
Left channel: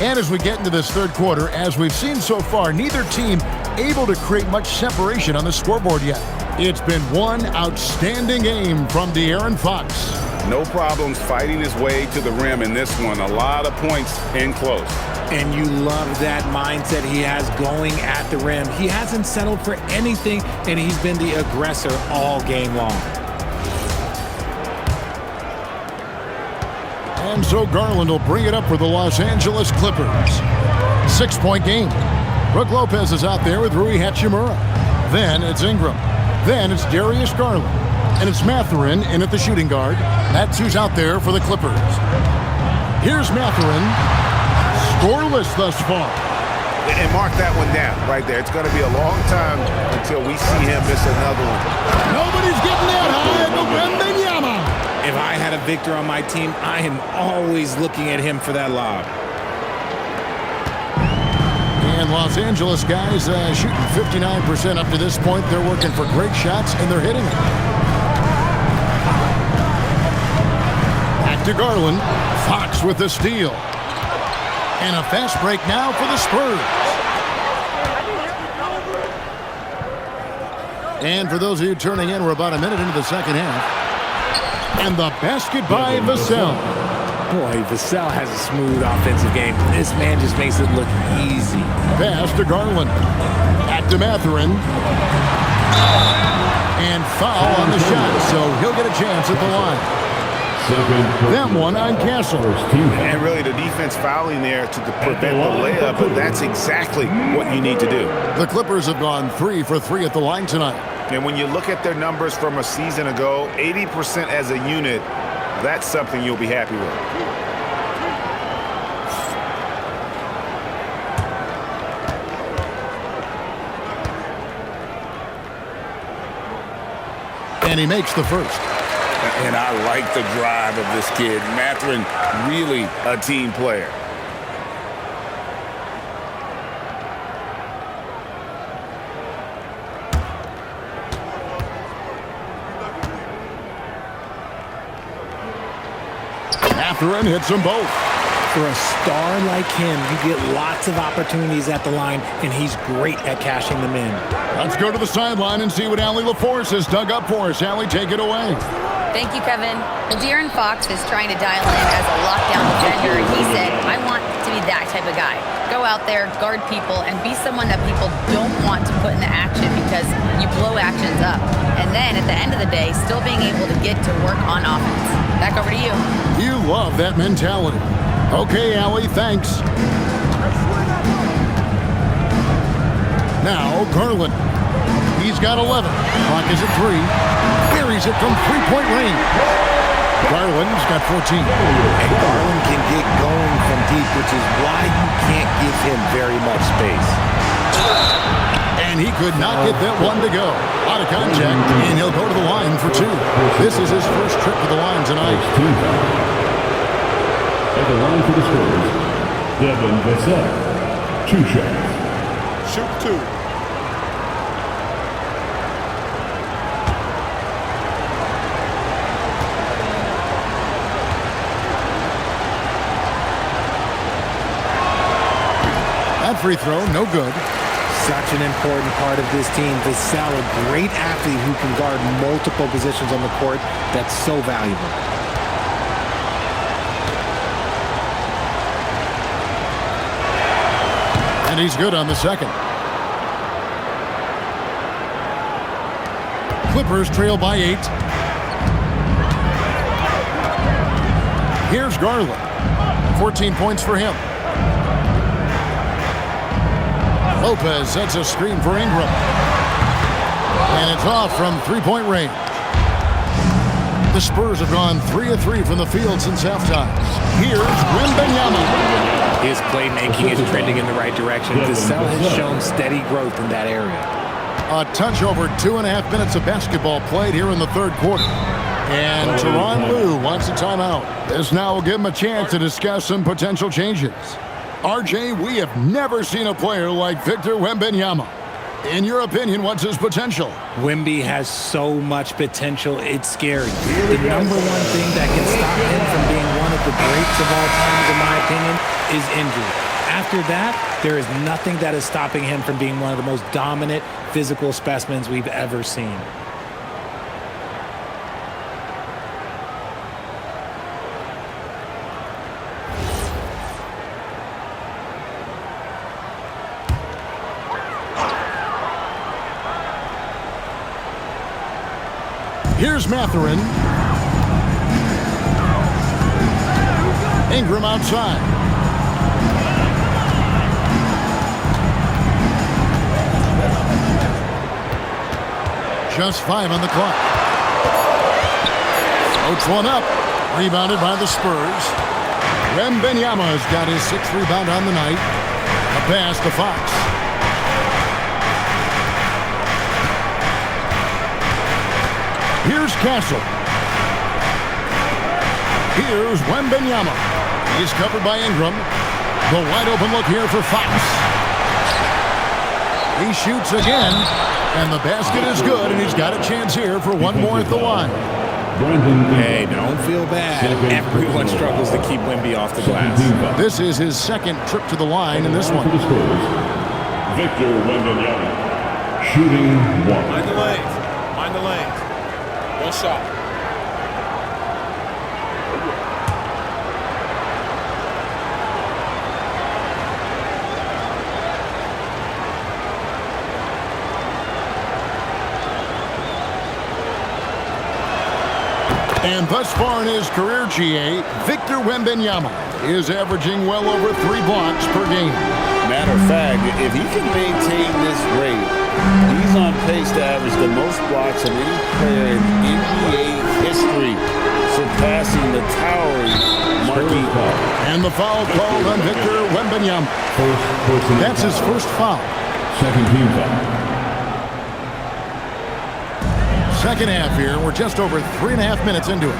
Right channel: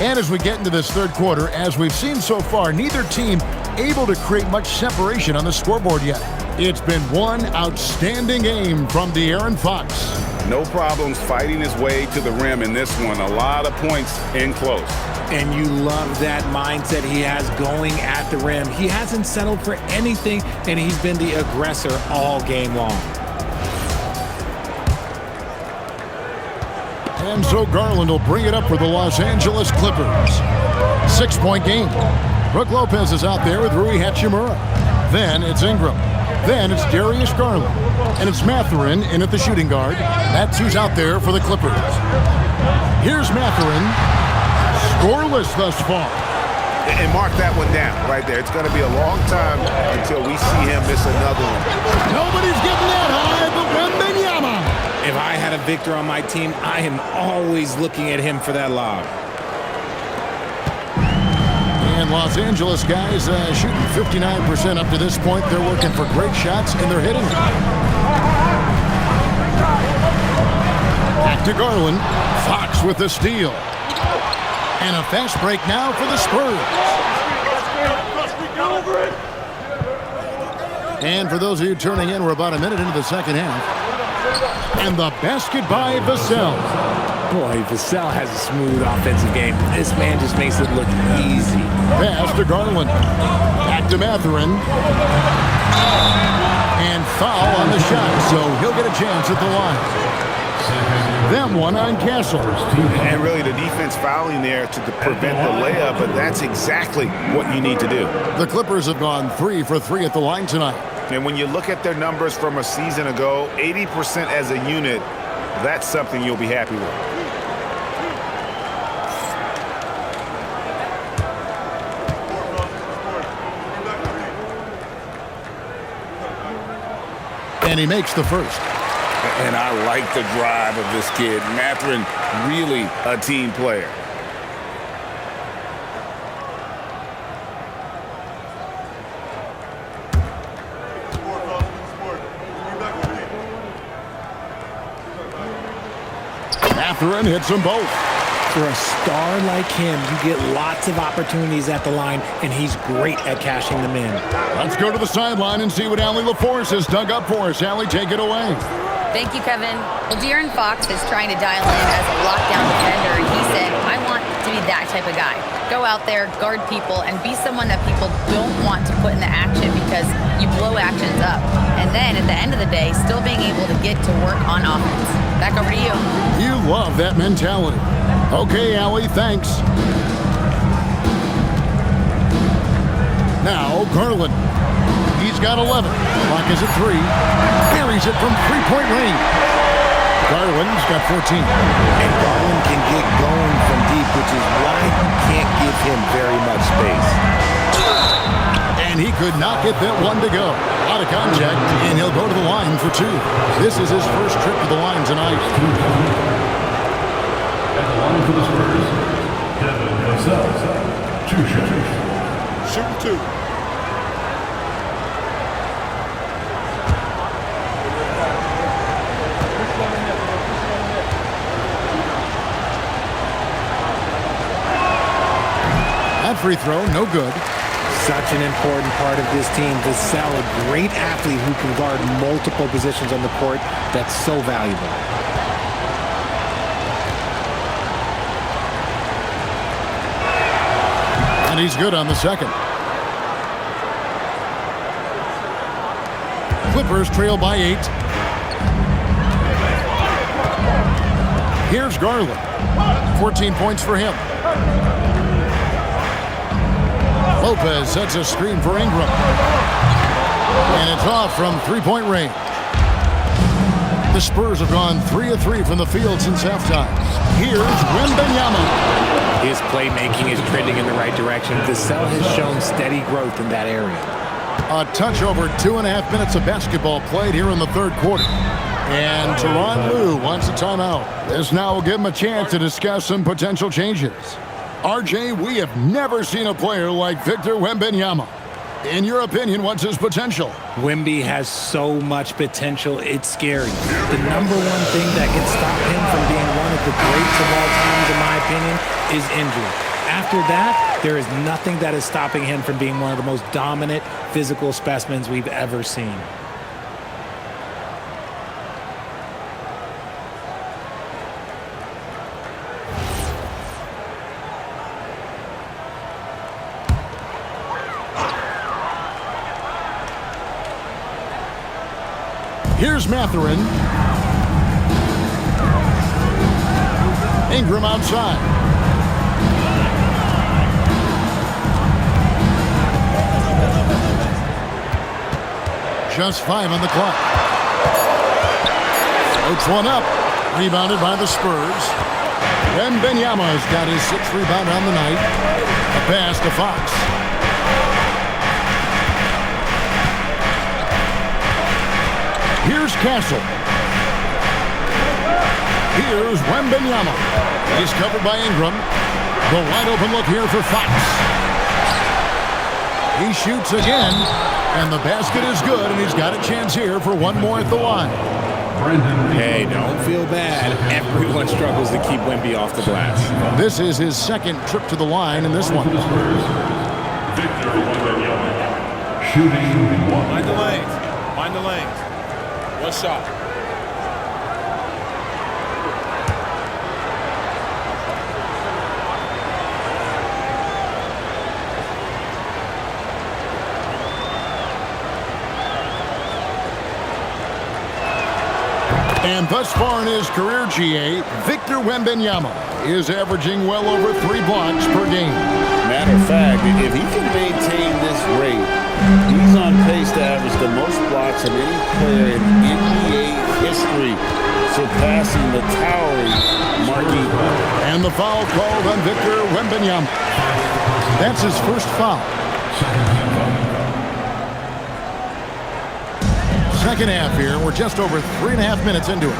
And as we get into this third quarter, as we've seen so far, neither team able to create much separation on the scoreboard yet. It's been one outstanding game from De'Aaron Fox. No problems fighting his way to the rim in this one. A lot of points in close. And you love that mindset he has going at the rim. He hasn't settled for anything, and he's been the aggressor all game long. And so Garland will bring it up for the Los Angeles Clippers. 6-point game. Brook Lopez is out there with Rui Hachimura. Then it's Ingram. Then it's Darius Garland. And it's Mathurin in at the shooting guard. That's who's out there for the Clippers. Here's Mathurin. Scoreless thus far. And mark that one down right there. It's going to be a long time until we see him miss another one. Nobody's getting that high but Wembanyama. If I had a Victor on my team, I am always looking at him for that lob. And Los Angeles guys shooting 59% up to this point. They're working for great shots, and they're hitting it. Back to Garland. Fox with the steal. And a fast break now for the Spurs. And for those of you turning in, we're about a minute into the second half. And the basket by Vassell. Boy, Vassell has a smooth offensive game. This man just makes it look easy. Pass to Garland. Back to Mathurin. And foul on the shot, so he'll get a chance at the line. Them one on Castle. And really the defense fouling there to prevent the layup, but that's exactly what you need to do. The Clippers have gone 3 for 3 at the line tonight. And when you look at their numbers from a season ago, 80% as a unit, that's something you'll be happy with. And he makes the first. And I like the drive of this kid. Mathurin, really a team player. Mathurin hits them both. For a star like him, you get lots of opportunities at the line, and he's great at cashing them in. Let's go to the sideline and see what Allie LaForce has dug up for us. Allie, take it away. Thank you, Kevin. Well, De'Aaron Fox is trying to dial in as a lockdown defender, and he said, I want to be that type of guy. Go out there, guard people, and be someone that people don't want to put in the action because you blow actions up. And then at the end of the day, still being able to get to work on offense. Back over to you. You love that mentality. Okay, Allie, thanks. Now, Garland. He's got 11. Clock is at 3. Buries it from three-point range. Garland's got 14. And Garland can get going from deep, which is why you can't give him very much space. And he could not get that one to go. Out of contact, and he'll go to the line for 2. This is his first trip to the line tonight. At the line for the Spurs, Devin Vassell, 2 shots. Shooting 2. That free throw, no good. Such an important part of this team. Vassell, a great athlete who can guard multiple positions on the court. That's so valuable. And he's good on the second. Clippers trail by 8. Here's Garland. 14 points for him. Lopez sets a screen for Ingram. And it's off from three-point range. The Spurs have gone 3 of 3 from the field since halftime. Here's Wembanyama. His playmaking is trending in the right direction. Vassell has shown steady growth in that area. A touch over 2.5 minutes of basketball played here in the third quarter. And Tyronn Lue wants a timeout. This now will give him a chance to discuss some potential changes. RJ, we have never seen a player like Victor Wembanyama. In your opinion, what's his potential? Wemby has so much potential, it's scary. The number one thing that can stop him from being one of the greats of all times, in my opinion, is injury. After that, there is nothing that is stopping him from being one of the most dominant physical specimens we've ever seen. Here's Mathurin. Ingram outside. Just 5 on the clock. Floats one up. Rebounded by the Spurs. Wembanyama's got his 6th rebound on the night. A pass to Fox. Here's Castle. Here's Wembanyama. He's covered by Ingram. The wide open look here for Fox. He shoots again, and the basket is good, and he's got a chance here for one more at the line. Hey, don't feel bad. Everyone struggles to keep Wemby off the glass. This is his 2nd trip to the line in this one. Victor Wembanyama, shooting 1. Mind the lanes. Mind the lanes. One shot. And thus far in his career, GA, Victor Wembanyama is averaging well over 3 blocks per game. Matter of fact, if he can maintain this rate, he's on pace to average the most blocks of any player in NBA history, surpassing the towering Marquis. And the foul called on Victor Wembanyama. That's his first foul. 2nd team foul. second half here. We're just over 3.5 minutes into it.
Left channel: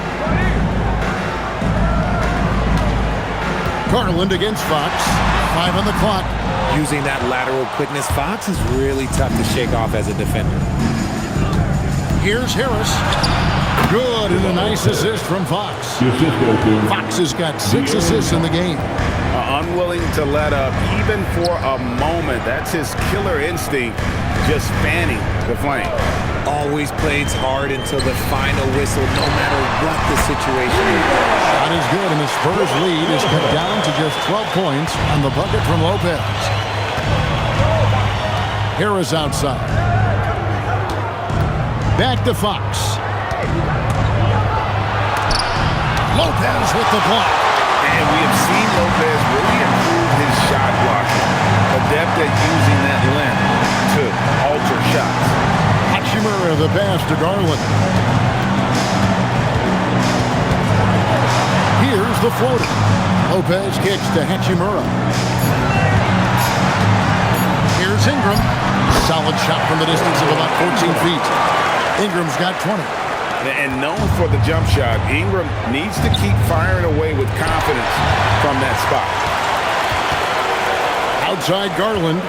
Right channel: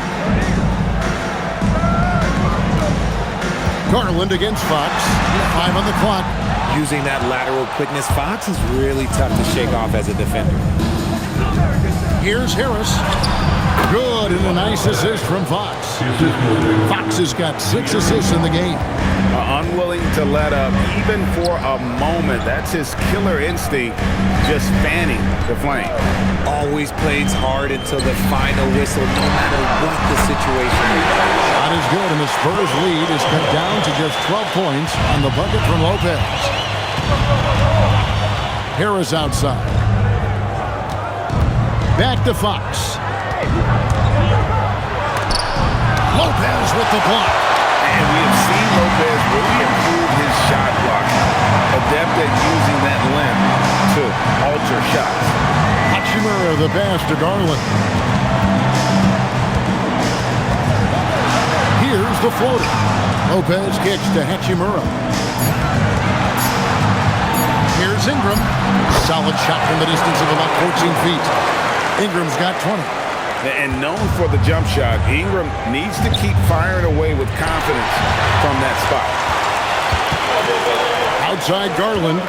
Garland against Fox. 5 on the clock. Using that lateral quickness, Fox is really tough to shake off as a defender. Here's Harris. Good, and a nice assist from Fox. Fox has got 6 assists in the game. Unwilling to let up even for a moment. That's his killer instinct, just fanning the flame. Always plays hard until the final whistle, no matter what the situation is. Shot is good, and the Spurs lead is cut down to just 12 points on the bucket from Lopez. Harris outside. Back to Fox. Lopez with the block. And we have seen Lopez really improve his shot blocking. Adept at using that limb to alter shots. Hachimura the pass to Garland. Here's the floater. Lopez kicks to Hachimura. Here's Ingram. Solid shot from the distance of about 14 feet. Ingram's got 20. And known for the jump shot, Ingram needs to keep firing away with confidence from that spot. Outside Garland.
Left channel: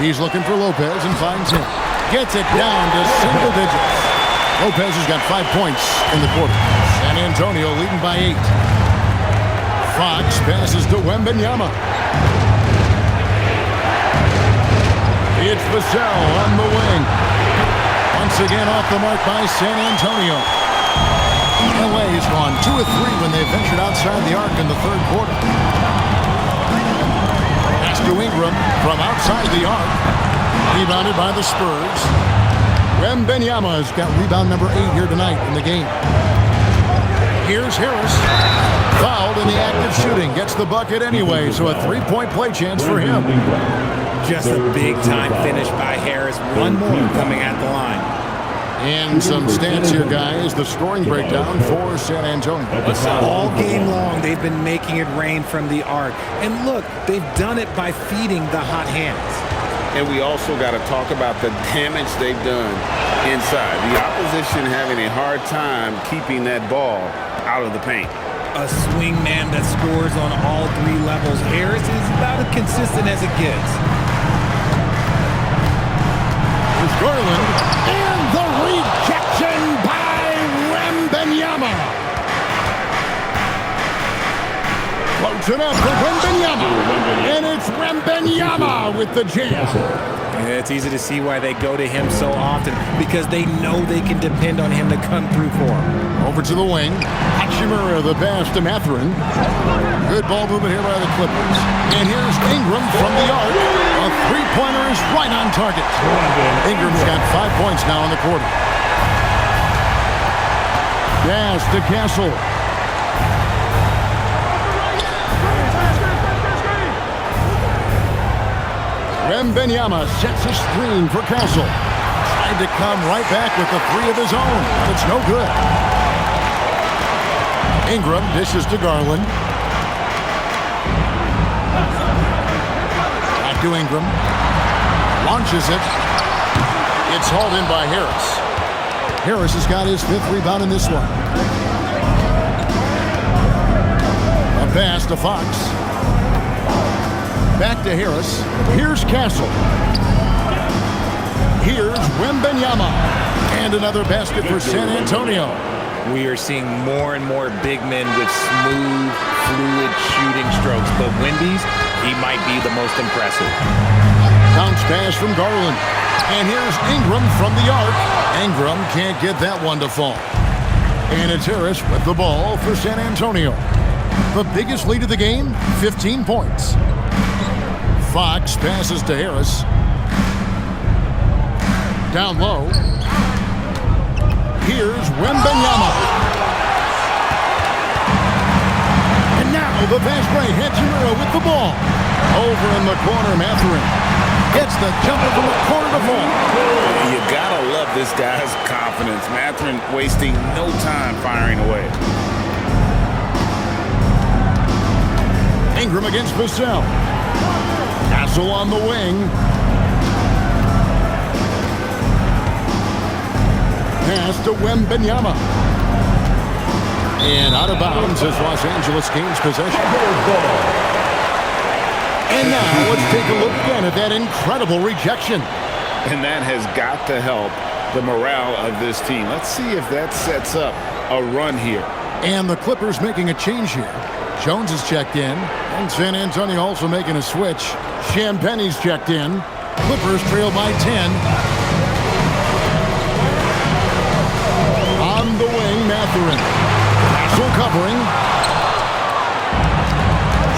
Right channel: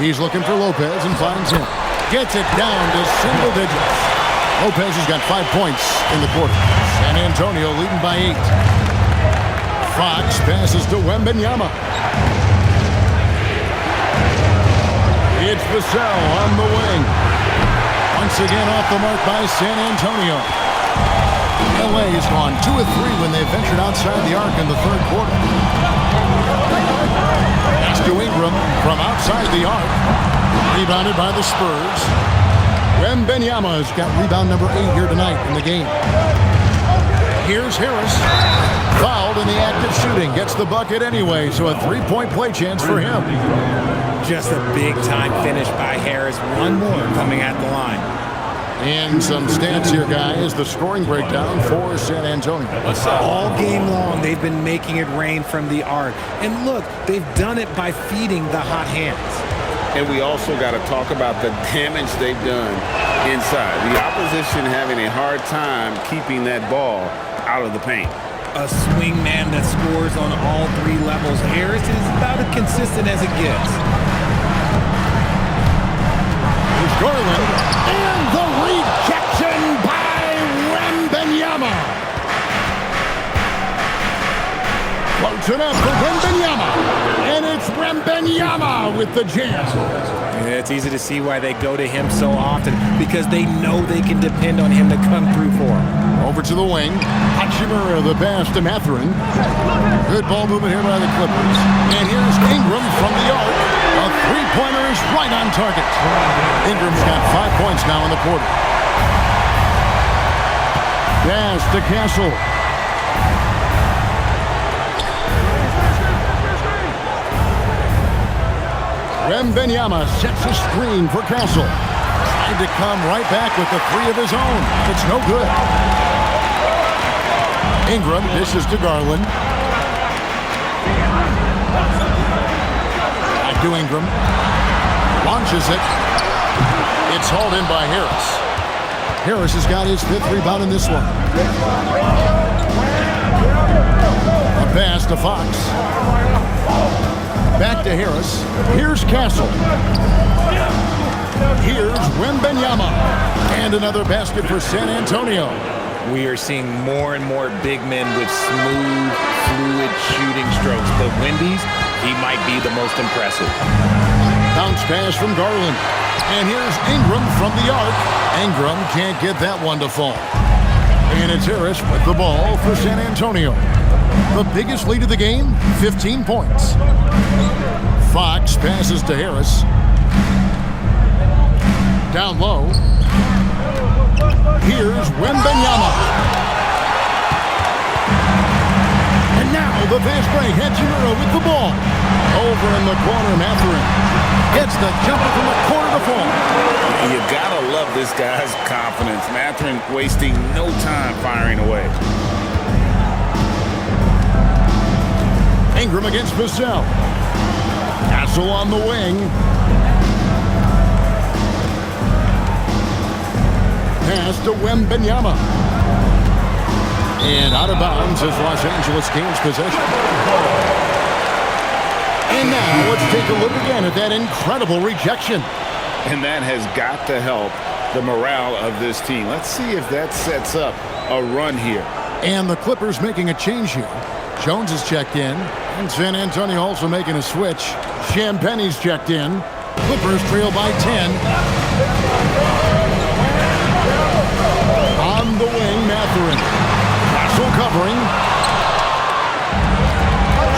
He's looking for Lopez and finds him. Gets it down to single digits. Lopez has got 5 points in the quarter. San Antonio leading by 8. Fox passes to Wembanyama. It's Vassell on the wing. Once again off the mark by San Antonio. LA has gone 2 of 3 when they've ventured outside the arc in the third quarter. Pass to Ingram from outside the arc. Rebounded by the Spurs. Wembanyama has got rebound number 8 here tonight in the game. Here's Harris. Fouled in the act of shooting. Gets the bucket anyway, so a 3-point play chance for him. Just a big-time finish by Harris. One more coming at the line. And some stats here, guys. The scoring breakdown for San Antonio. All game long, they've been making it rain from the arc. And look, they've done it by feeding the hot hands. And we also got to talk about the damage they've done inside. The opposition having a hard time keeping that ball out of the paint. A swing man that scores on all 3 levels. Harris is about as consistent as it gets. Here's Garland. And the rejection by Wembanyama. Floats it up for Wembanyama. And it's Wembanyama with the jam. It's easy to see why they go to him so often, because they know they can depend on him to come through for them. Over to the wing. Hachimura the pass to Mathurin. Good ball movement here by the Clippers. And here's Ingram from the arc. A 3-pointer is right on target. Ingram's got 5 points now in the quarter. Pass to Castle. Wembanyama sets a screen for Castle. Tried to come right back with the 3 of his own. It's no good. Ingram dishes to Garland. Back to Ingram. Launches it. It's hauled in by Harris. Harris has got his 5th rebound in this one. A pass to Fox. Back to Harris. Here's Castle. Here's Wembanyama. And another basket for San Antonio. We are seeing more and more big men with smooth, fluid shooting strokes. But Wemby's, he might be the most impressive. Bounce pass from Garland. And here's Ingram from the arc. Ingram can't get that one to fall. And it's Harris with the ball for San Antonio. The biggest lead of the game, 15 points. Fox passes to Harris. Down low. Here's Wembanyama. And now the fast break. Hachimura with the ball. Over in the corner, Mathurin gets the jumper from the corner to fall. You gotta love this guy's confidence. Mathurin wasting no time firing away. Ingram against Vassell. Castle on the wing. Pass to Wembanyama. And out of bounds as Los Angeles gains possession. And now let's take a look again at that incredible rejection. And that has got to help the morale of this team. Let's see if that sets up a run here. And the Clippers making a change here. Jones is checked in. And San Antonio also making a switch. Champagne's checked in. Clippers trail by 10. On the wing, Mathurin. Castle covering.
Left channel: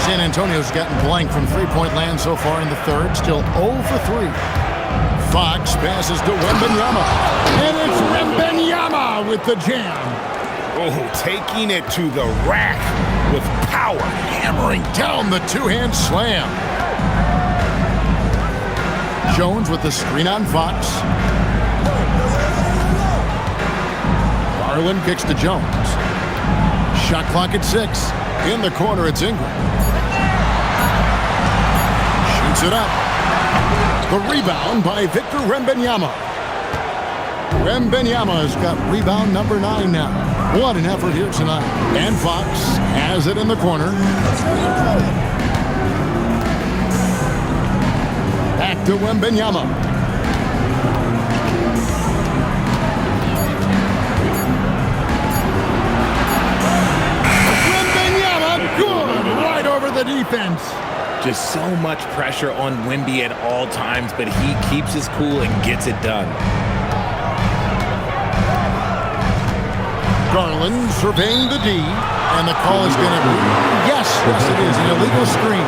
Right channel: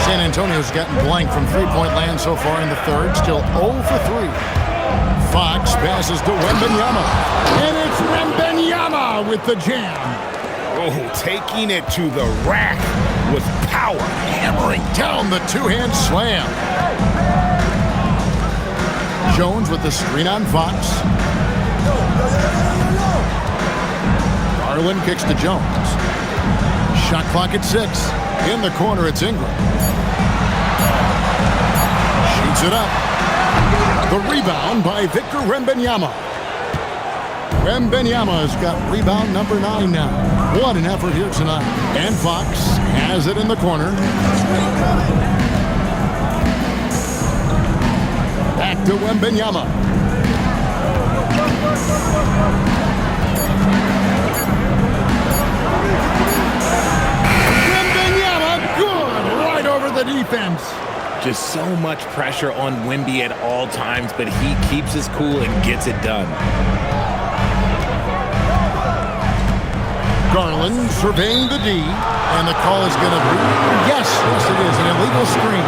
San Antonio's gotten blank from three-point land so far in the third. Still 0 for 3. Fox passes to Wembanyama. And it's Wembanyama with the jam. Oh, taking it to the rack with power. Hammering down the two-hand slam. Jones with the screen on Fox. Garland kicks to Jones. Shot clock at 6. In the corner, it's Ingram. Shoots it up. The rebound by Victor Wembanyama. Wembanyama's got rebound number 9 now. What an effort here tonight. And Fox has it in the corner. Back to Wembanyama. Wembanyama, good, right over the defense. Just so much pressure on Wemby at all times, but he keeps his cool and gets it done. Garland surveying the D, and the call is going to be, yes, it is, an illegal screen.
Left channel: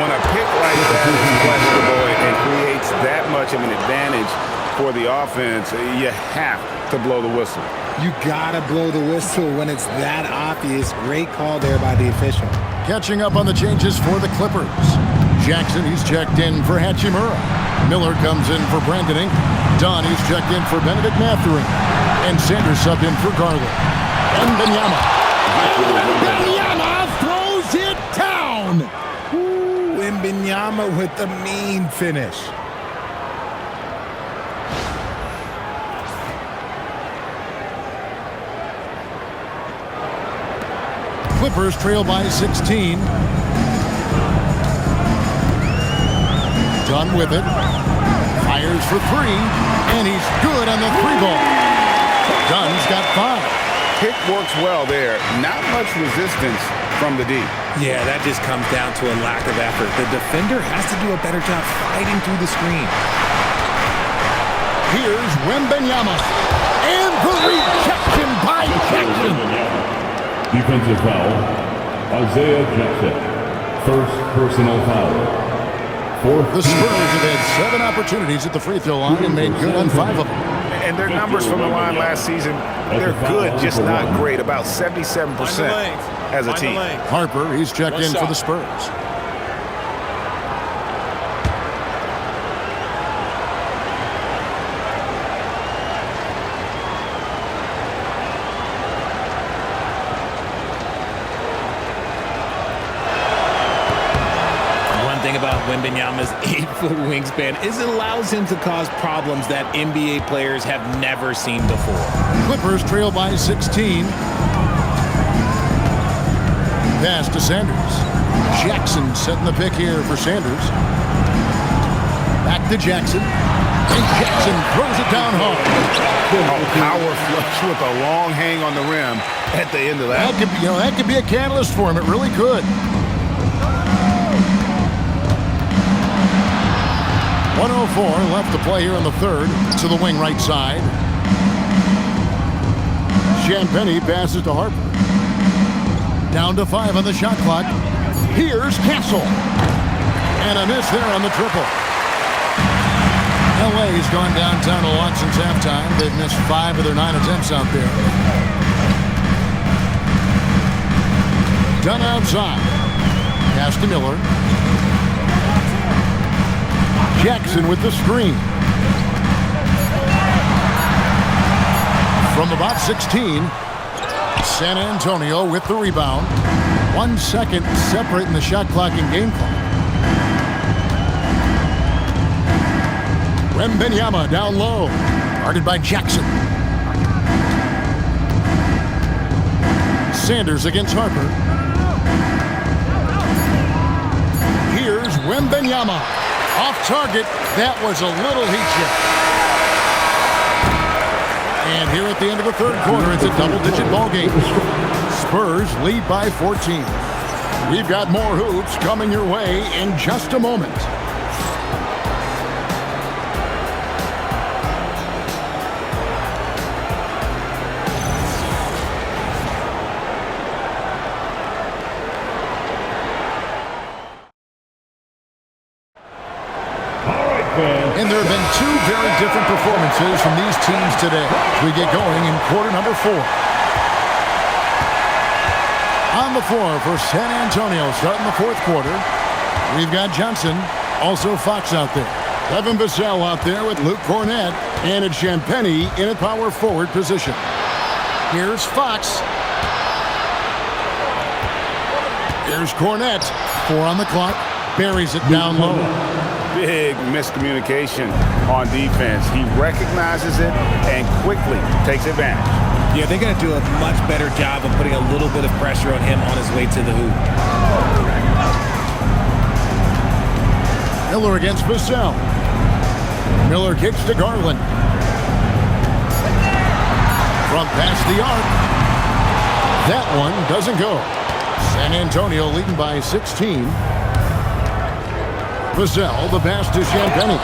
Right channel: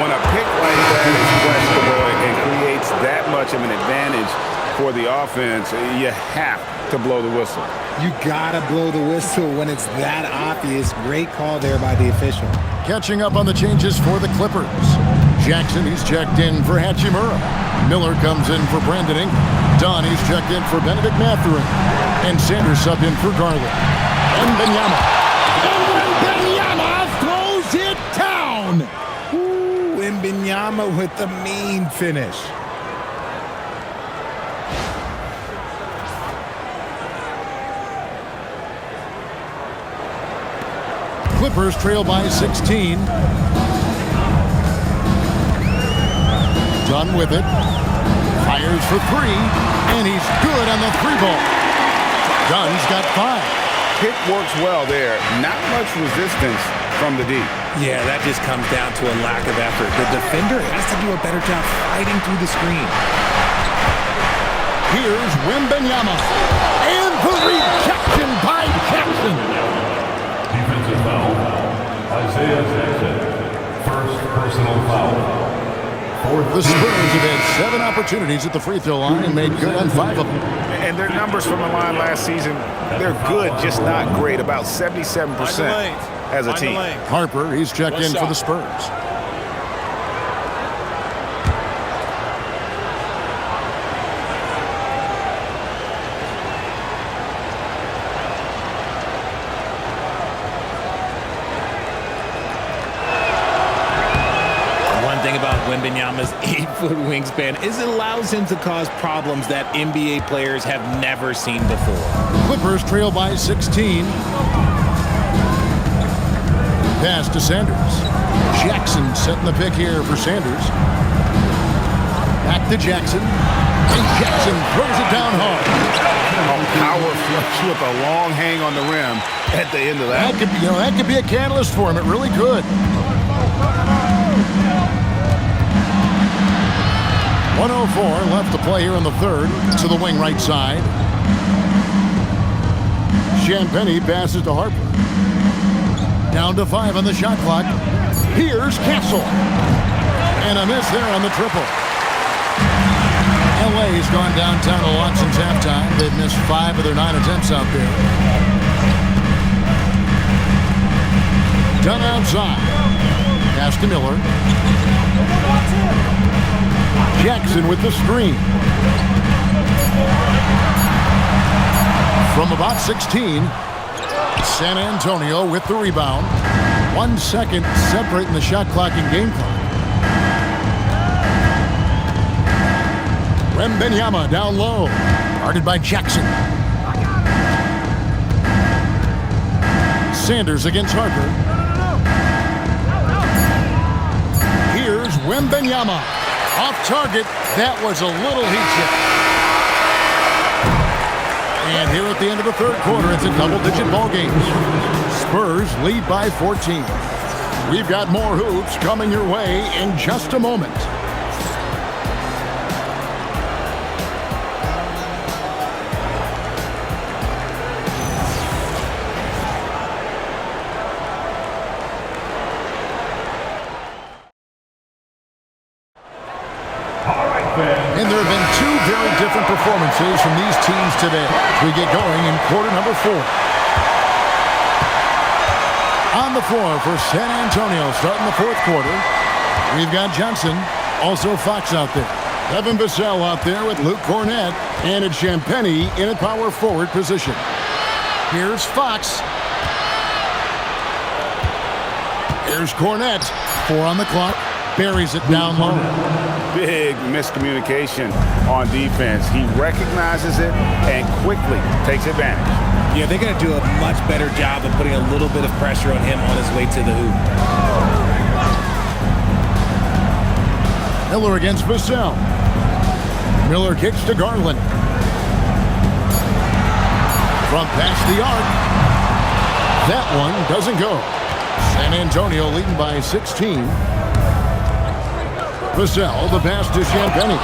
When a pick like that is questionable and creates that much of an advantage for the offense, you have to blow the whistle. You gotta blow the whistle when it's that obvious. Great call there by the official. Catching up on the changes for the Clippers. Jackson, he's checked in for Hachimura. Miller comes in for Brandon Ingram. Dunn, he's checked in for Benedict Mathurin. And Sanders subbed in for Garland. And Wembanyama. And Wembanyama throws it down. Ooh, Wembanyama with the mean finish. Clippers trail by 16. Dunn with it. Fires for 3. And he's good on the 3-ball. Dunn's got 5. Pick works well there. Not much resistance from the D. Yeah, that just comes down to a lack of effort. The defender has to do a better job fighting through the screen. Here's Wembanyama. And the rejection by Jackson. Defensive foul, Isaiah Jackson. First personal foul. The Spurs have had 7 opportunities at the free throw line and made good on 5 of them. And their numbers from the line last season, they're good, just not great. About 77% as a team. Harper, he's checked in for the Spurs. Thing about Wembanyama's 8-foot wingspan is it allows him to cause problems that NBA players have never seen before. Clippers trail by 16. Pass to Sanders. Jackson setting the pick here for Sanders. Back to Jackson. And Jackson throws it down hard. A power flush with a long hang on the rim at the end of that. That could be a catalyst for him. It really could. 1:04 left to play here in the third. To the wing right side. Champagnie passes to Harper. Down to 5 on the shot clock. Here's Castle. And a miss there on the triple. LA's gone downtown a lot since halftime. They've missed 5 of their 9 attempts out there. Done outside. Pass to Miller. Jackson with the screen. From about 16, San Antonio with the rebound. 1 second separating the shot clock and game clock. Wembanyama down low. Guarded by Jackson. Sanders against Harper. Here's Wembenyama. Off target. That was a little heat check. And here at the end of the third quarter, it's a double-digit ball game. Spurs lead by 14. We've got more hoops coming your way in just a moment. And there have been two very different performances from these teams today as we get going in quarter number 4. On the floor for San Antonio starting the fourth quarter, we've got Johnson, also Fox out there. Devin Vassell out there with Luke Cornett, and it's Champagnie in a power forward position. Here's Fox. Here's Cornett. 4 on the clock. Buries it down low. Big miscommunication on defense. He recognizes it and quickly takes advantage. Yeah, they're going to do a much better job of putting a little bit of pressure on him on his way to the hoop. Miller against Vassell. Miller kicks to Garland. From past the arc. That one doesn't go. San Antonio leading by 16. Vassell, the pass to Champagnie.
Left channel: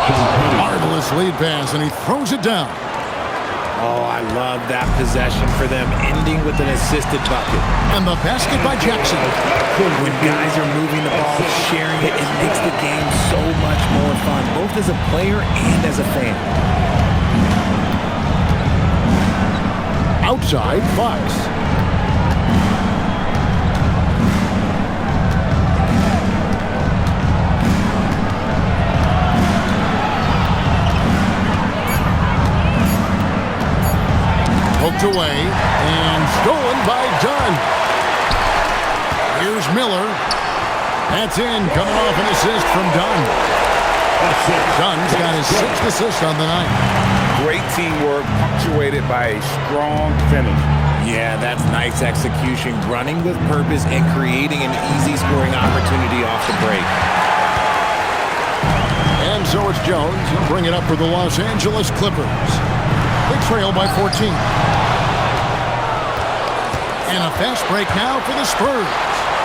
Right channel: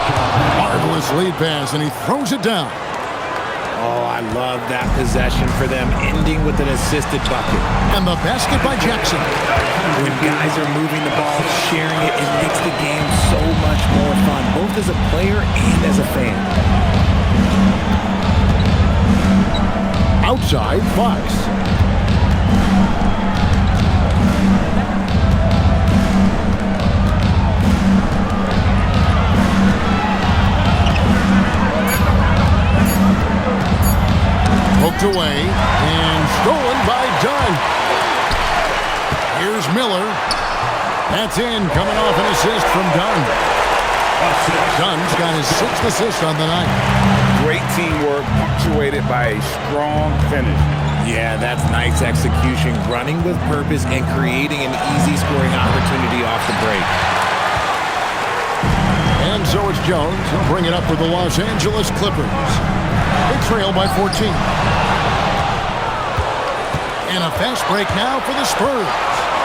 Marvelous lead pass, and he throws it down. Oh, I love that possession for them, ending with an assisted bucket. And the basket by Jackson. When guys are moving the ball, sharing it, it makes the game so much more fun, both as a player and as a fan. Outside, Fox. Poked away and stolen by Dunn. Here's Miller. That's in, coming off an assist from Dunn. Dunn's got his 6th assist on the night. Great teamwork punctuated by a strong finish. Yeah, that's nice execution, running with purpose and creating an easy scoring opportunity off the break. And so it's Jones. He'll bring it up for the Los Angeles Clippers. They trail by 14. And a fast break now for the Spurs.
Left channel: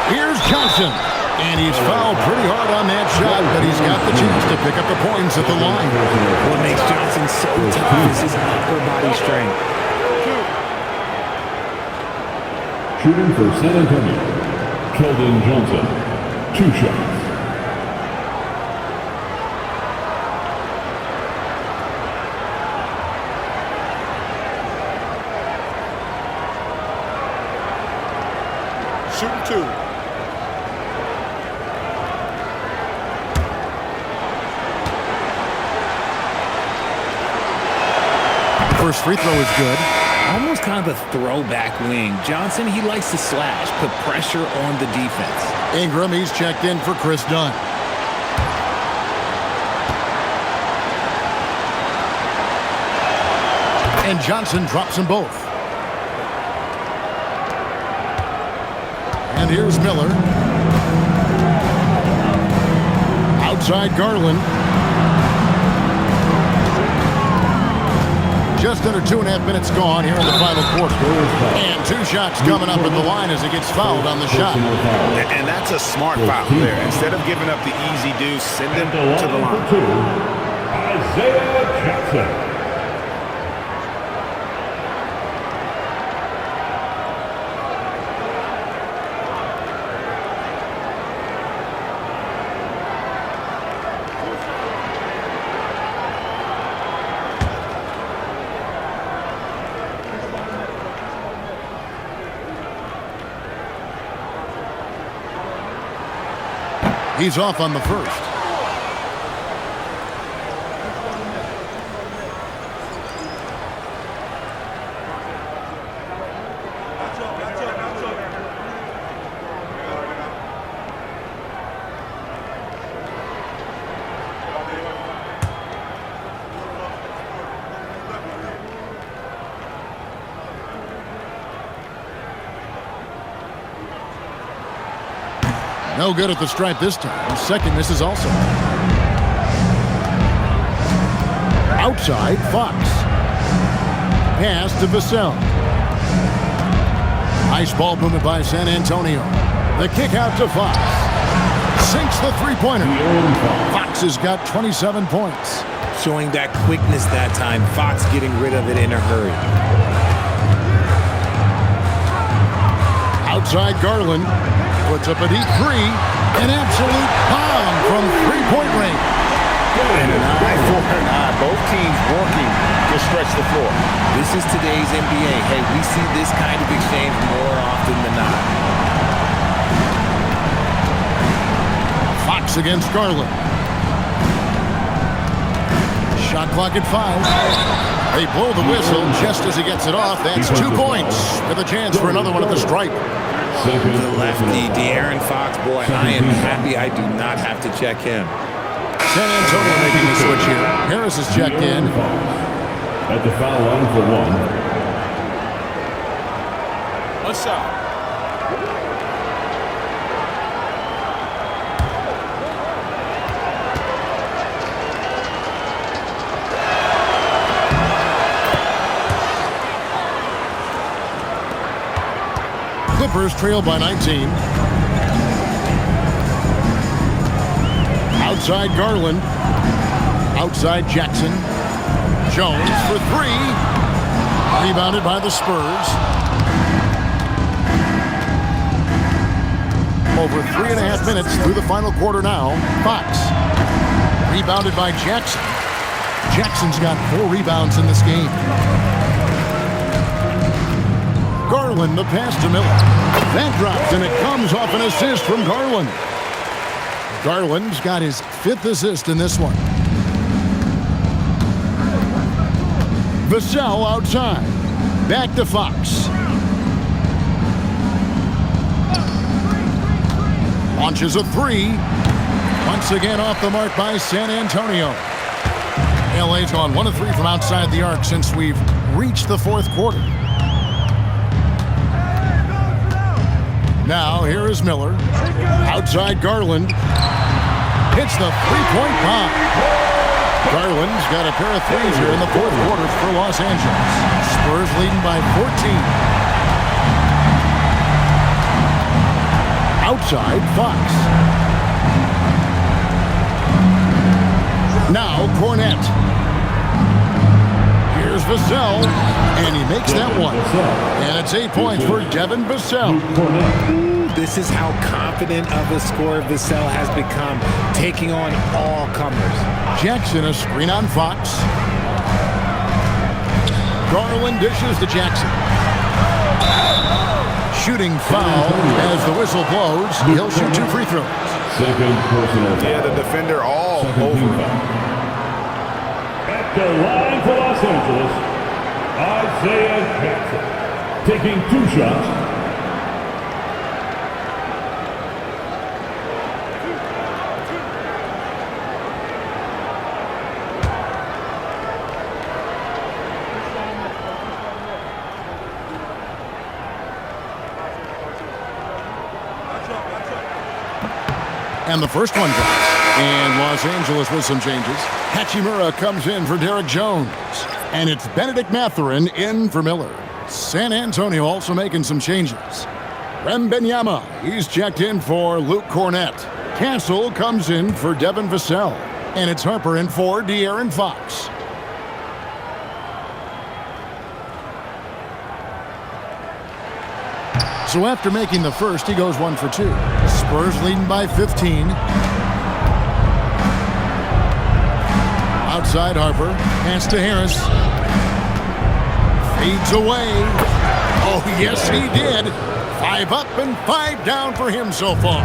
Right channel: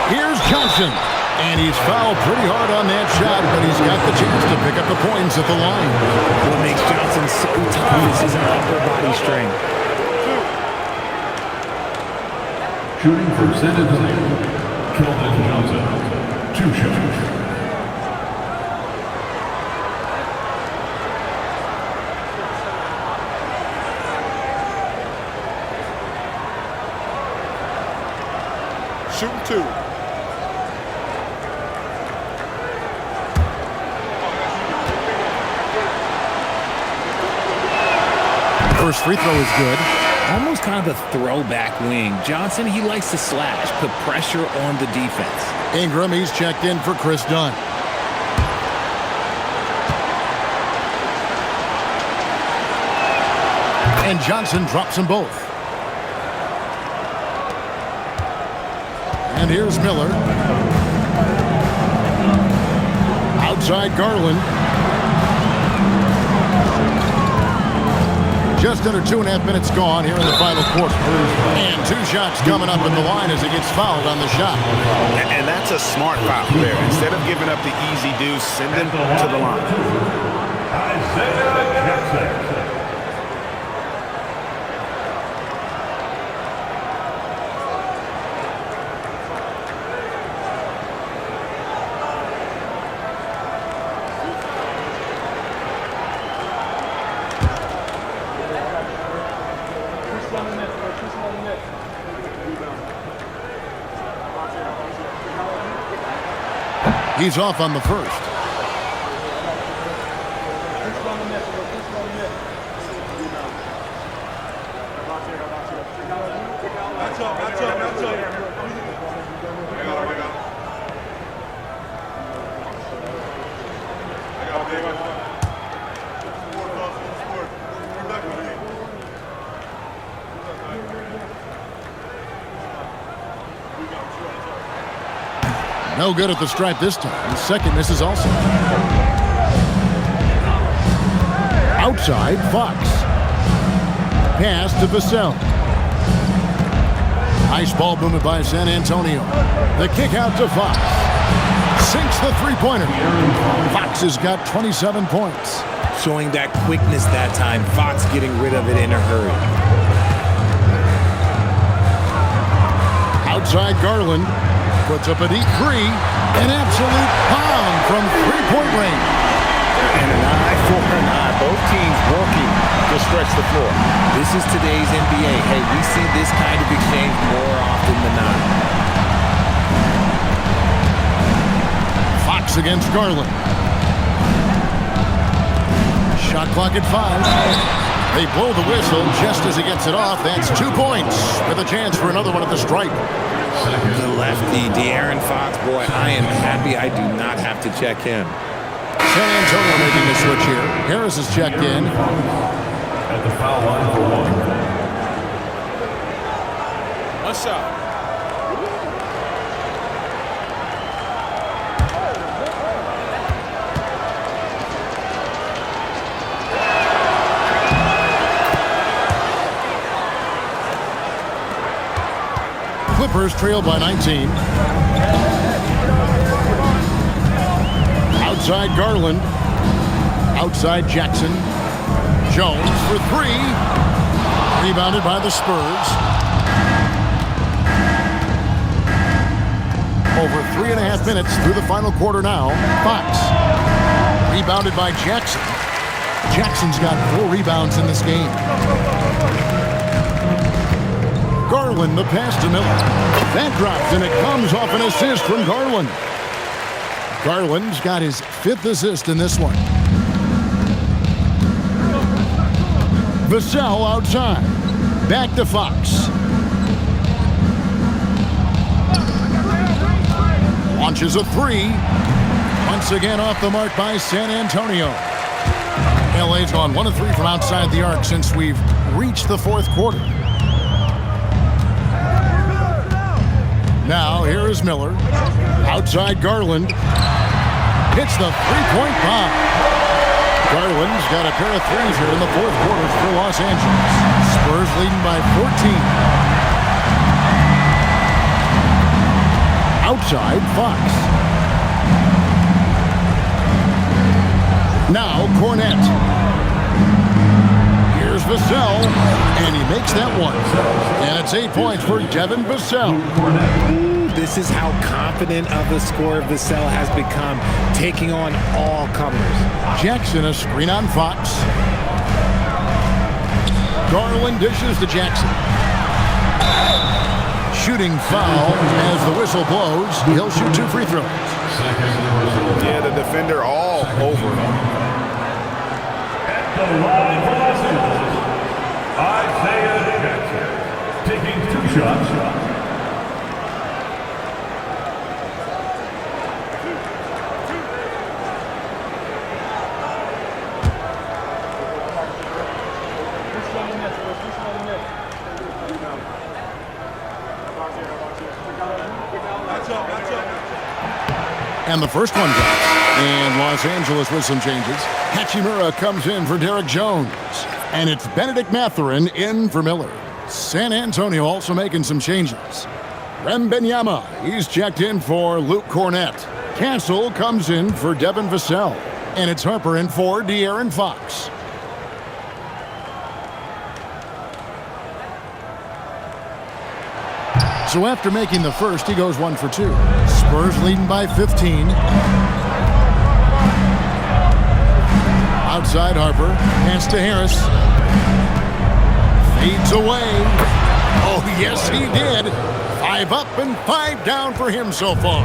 Here's Johnson. And he's fouled pretty hard on that shot, but he's got the chance to pick up the points at the line. What makes Johnson so tough is his upper body strength. Shooting for San Antonio, Keldon Johnson. 2 shots. Shooting 2. First free throw is good. Almost kind of a throwback wing. Johnson, he likes to slash, put pressure on the defense. Ingram, he's checked in for Chris Dunn. And Johnson drops them both. And here's Miller. Outside Garland. Just under 2.5 minutes gone here in the final quarter. And 2 shots coming up at the line as he gets fouled on the shot. And that's a smart foul there. Instead of giving up the easy deuce, send him to the line. Isaiah Jackson. He's off on the first. No good at the stripe this time. Second misses also. Outside, Fox. Pass to Vassell. Nice ball movement by San Antonio. The kick out to Fox. Sinks the three-pointer. Fox has got 27 points. Showing that quickness that time. Fox getting rid of it in a hurry. Outside Garland. Puts up a deep three. An absolute bomb from three-point range. And an eye for an eye. Both teams working to stretch the floor. This is today's NBA. Hey, we see this kind of exchange more often than not. Fox against Garland. Shot clock at 5. They blow the whistle just as he gets it off. That's 2 points with a chance for another one at the stripe. The lefty, De'Aaron Fox, boy, I am happy I do not have to check him. San Antonio making the switch here. Harris is checked in. At the foul line for one. One shot. Clippers trail by 19. Outside Garland. Outside Jackson. Jones for three. Rebounded by the Spurs. Over 3.5 minutes through the final quarter now. Fox. Rebounded by Jackson. Jackson's got 4 rebounds in this game. Garland, the pass to Miller. That drops, and it comes off an assist from Garland. Garland's got his 5th assist in this one. Vassell outside. Back to Fox. Launches a three. Once again off the mark by San Antonio. LA's gone 1 of 3 from outside the arc since we've reached the 4th quarter. Now, here is Miller. Outside Garland. Hits the three-point bomb. Garland's got a pair of threes here in the 4th quarter for Los Angeles. Spurs leading by 14. Outside, Fox. Now, Cornette. Here's Vassell, and he makes that one. And it's 8 points for Devin Vassell. Ooh, this is how confident of a scorer Vassell has become, taking on all comers. Jackson, a screen on Fox. Garland dishes to Jackson. Shooting foul as the whistle blows. He'll shoot 2 free throws. Second personal. Yeah, the defender all over him. At the line for Los Angeles, Isaiah Jackson, taking 2 shots. And the first one drops. And Los Angeles with some changes. Hachimura comes in for Derek Jones. And it's Benedict Mathurin in for Miller. San Antonio also making some changes. Wembanyama, he's checked in for Luke Cornette. Castle comes in for Devin Vassell. And it's Harper in for De'Aaron Fox. So after making the first, he goes 1 for 2. Spurs leading by 15. Outside Harper. Pass to Harris. Fades away. Oh, yes, he did. 5 up and 5 down for him so far.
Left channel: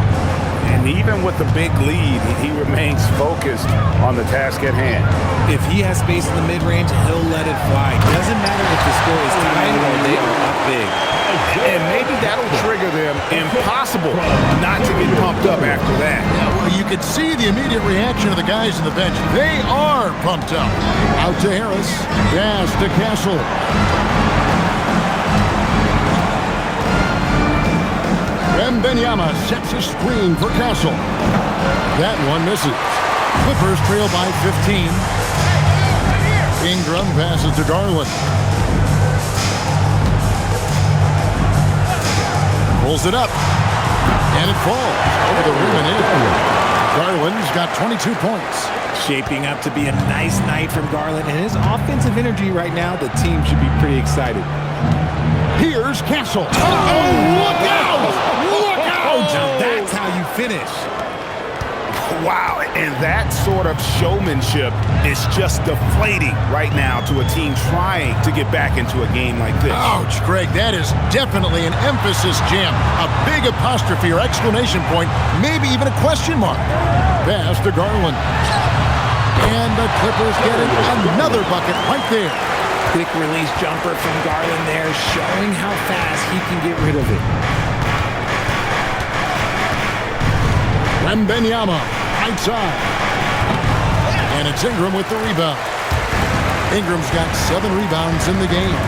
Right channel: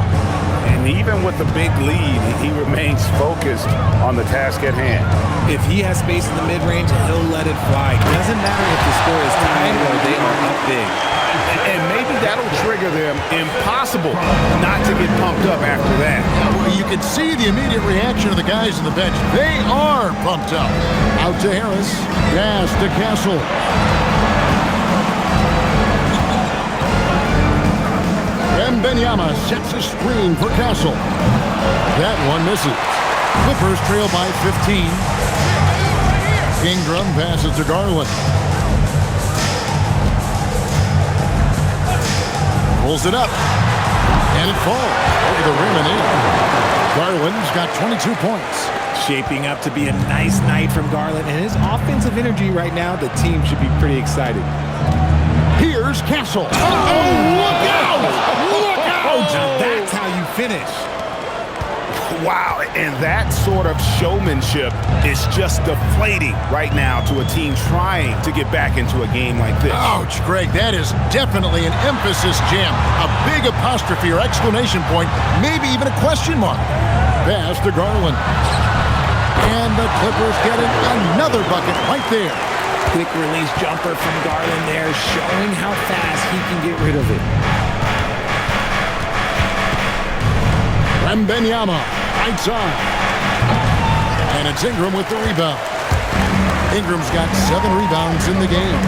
And even with the big lead, he remains focused on the task at hand. If he has space in the mid-range, he'll let it fly. Doesn't matter if the score is tied or they are up big. And maybe that'll trigger them. Impossible not to get pumped up after that. Yeah, well, you could see the immediate reaction of the guys on the bench. They are pumped up. Out to Harris. Pass to Castle. Wembanyama sets a screen for Castle. That one misses. Clippers trail by 15. Ingram passes to Garland. Pulls it up. And it falls over the rim and in. Garland's got 22 points. Shaping up to be a nice night from Garland, and his offensive energy right now, the team should be pretty excited. Here's Castle. Oh, look out! Look out! Now that's how you finish. Wow, and that sort of showmanship is just deflating right now to a team trying to get back into a game like this. Ouch, Greg, that is definitely an emphasis jam. A big apostrophe or exclamation point, maybe even a question mark. Pass to Garland. And the Clippers getting another bucket right there. Quick release jumper from Garland there, showing how fast he can get rid of it. Wembanyama, right side. And it's Ingram with the rebound. Ingram's got 7 rebounds in the game.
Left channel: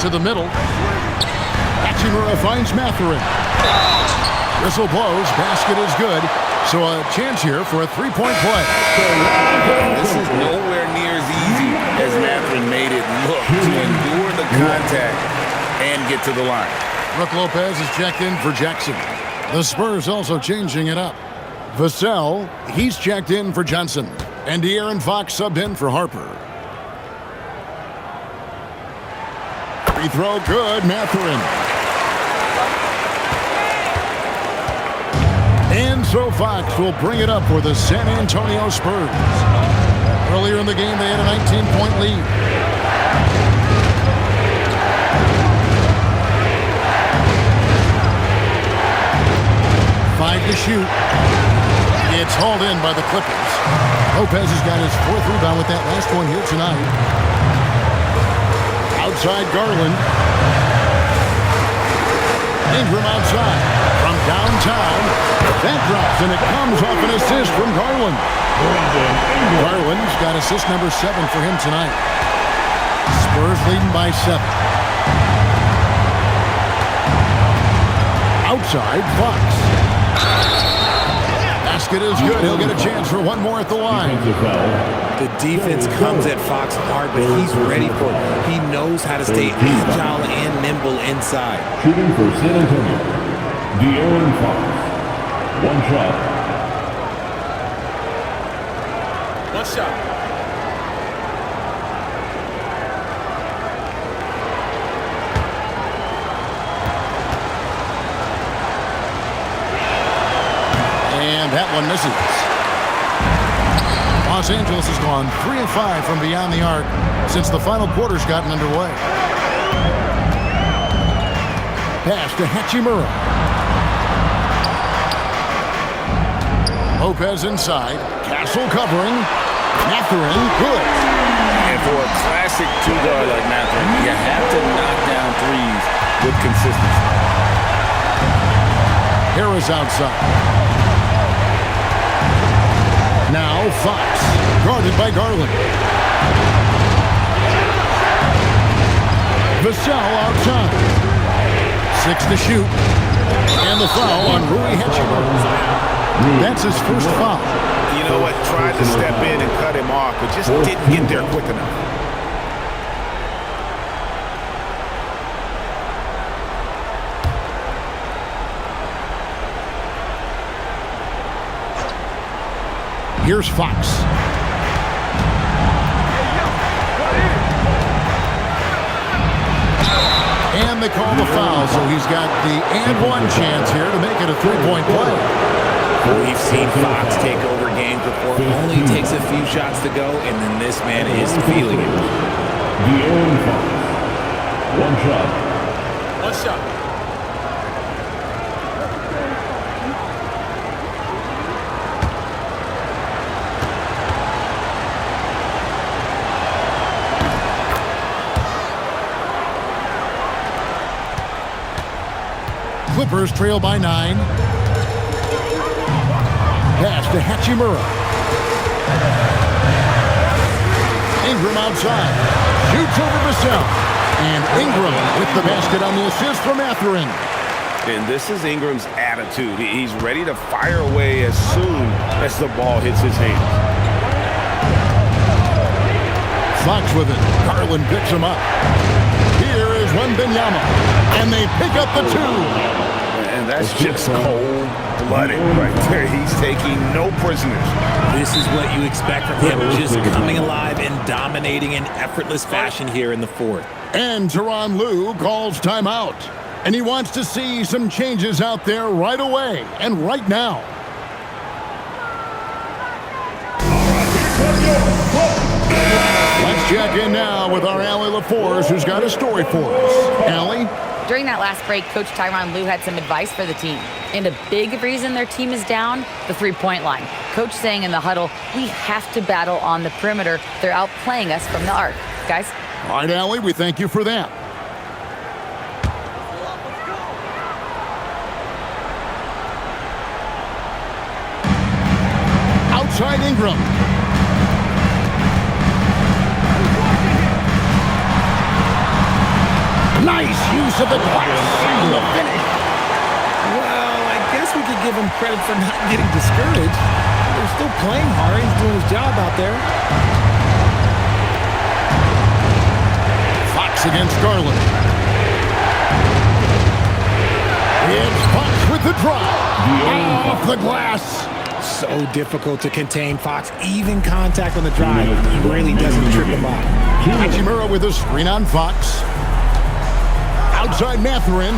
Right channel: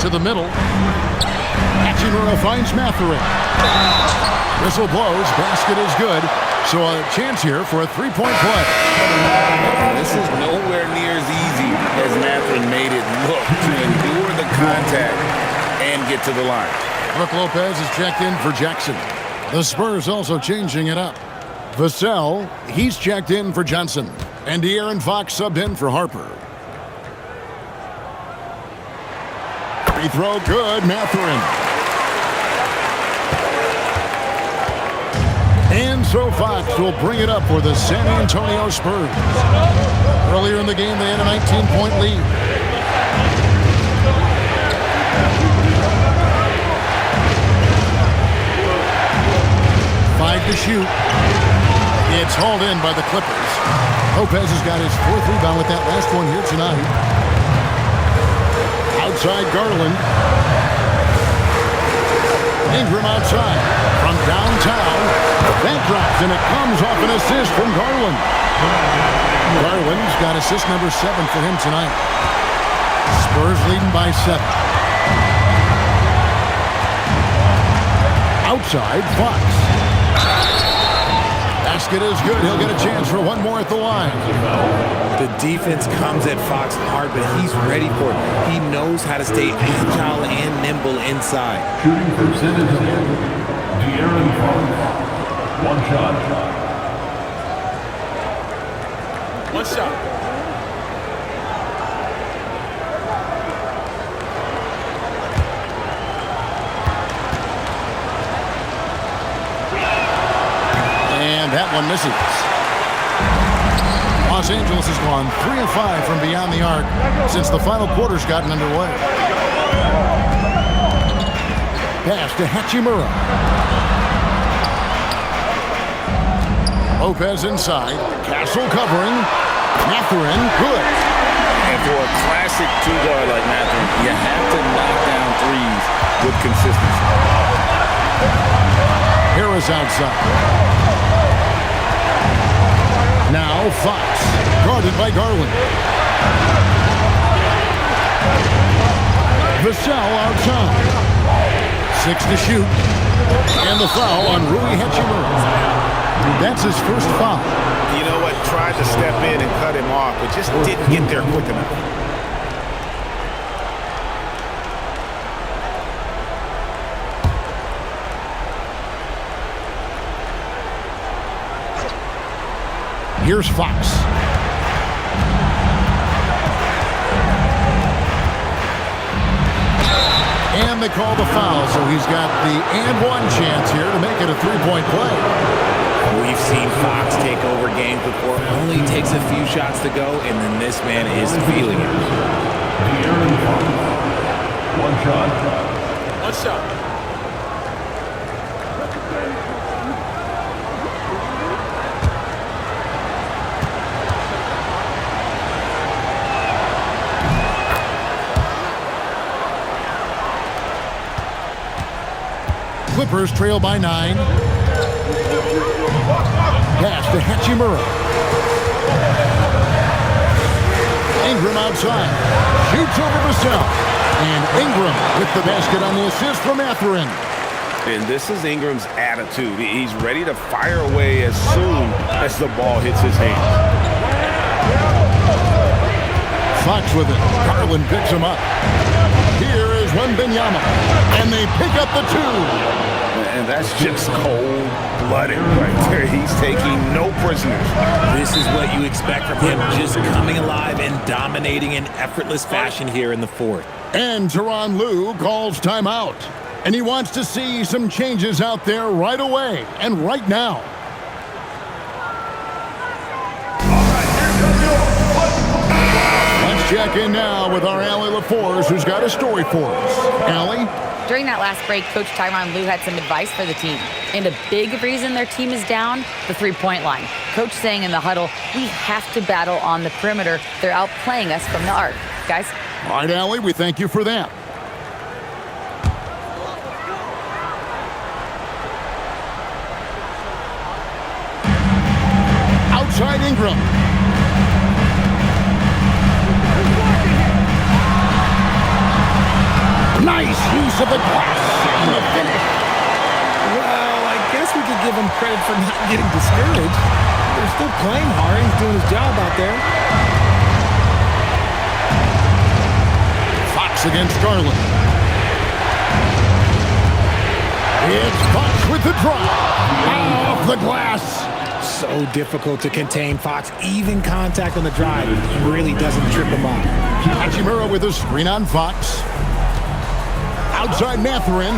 To the middle. Hachimura finds Mathurin. Whistle blows, basket is good. So a chance here for a three-point play. And this is nowhere near as easy as Mathurin made it look to endure the contact and get to the line. Brook Lopez is checked in for Jackson. The Spurs also changing it up. Vassell, he's checked in for Johnson. And De'Aaron Fox subbed in for Harper. Free throw good, Mathurin. And so Fox will bring it up for the San Antonio Spurs. Earlier in the game, they had a 19-point lead. Five to shoot. It's hauled in by the Clippers. Lopez has got his 4th rebound with that last one here tonight. Outside Garland. Ingram outside from downtown. That drops, and it comes off an assist from Garland. Garland's got assist number 7 for him tonight. Spurs leading by 7. Outside, Fox. Basket is good. He'll get a chance for one more at the line. The defense comes at Fox hard, but he's ready for it. He knows how to stay agile and nimble inside. Shooting for San Antonio, De'Aaron Fox. One shot. One shot. And that one misses. Los Angeles has gone 3 of 5 from beyond the arc since the final quarter's gotten underway. Pass to Hachimura. Lopez inside. Castle covering. Mathurin, good. And for a classic two-guard like Mathurin, you have to knock down threes with consistency. Harris outside. Now Fox, guarded by Garland. Vassell outside. 6 to shoot. And the foul on Rui Hachimura. That's his first foul. You know what? Tried to step in and cut him off, but just didn't get there quick enough. Here's Fox. And they call the foul, so he's got the and one chance here to make it a 3-point play. We've seen Fox take over games before. Only takes a few shots to go, and then this man is feeling it. De'Aaron Fox. One shot. One shot. Clippers trail by 9. Pass to Hachimura. Ingram outside. Shoots over Vassell. And Ingram with the basket on the assist from Mathurin. And this is Ingram's attitude. He's ready to fire away as soon as the ball hits his hands. Fox with it. Garland picks him up. Here is Wembanyama. And they pick up the 2. And that's just cold-blooded right there. He's taking no prisoners. This is what you expect from him, just coming alive and dominating in effortless fashion here in the fourth. And Tyronn Lue calls timeout. And he wants to see some changes out there right away and right now. Let's check in now with our Allie LaForce, who's got a story for us. Allie? During that last break, Coach Tyronn Lue had some advice for the team. And a big reason their team is down, the three-point line. Coach saying in the huddle, we have to battle on the perimeter. They're outplaying us from the arc. Guys? All right, Allie, we thank you for that. Outside Ingram. Nice use of the glass and the finish. Well, I guess we could give him credit for not getting discouraged. They're still playing hard. He's doing his job out there. Fox against Garland. It's Fox with the drive. Off the glass. So difficult to contain Fox. Even contact on the drive really doesn't trip him up. Hachimura with a screen on Fox. Outside Mathurin.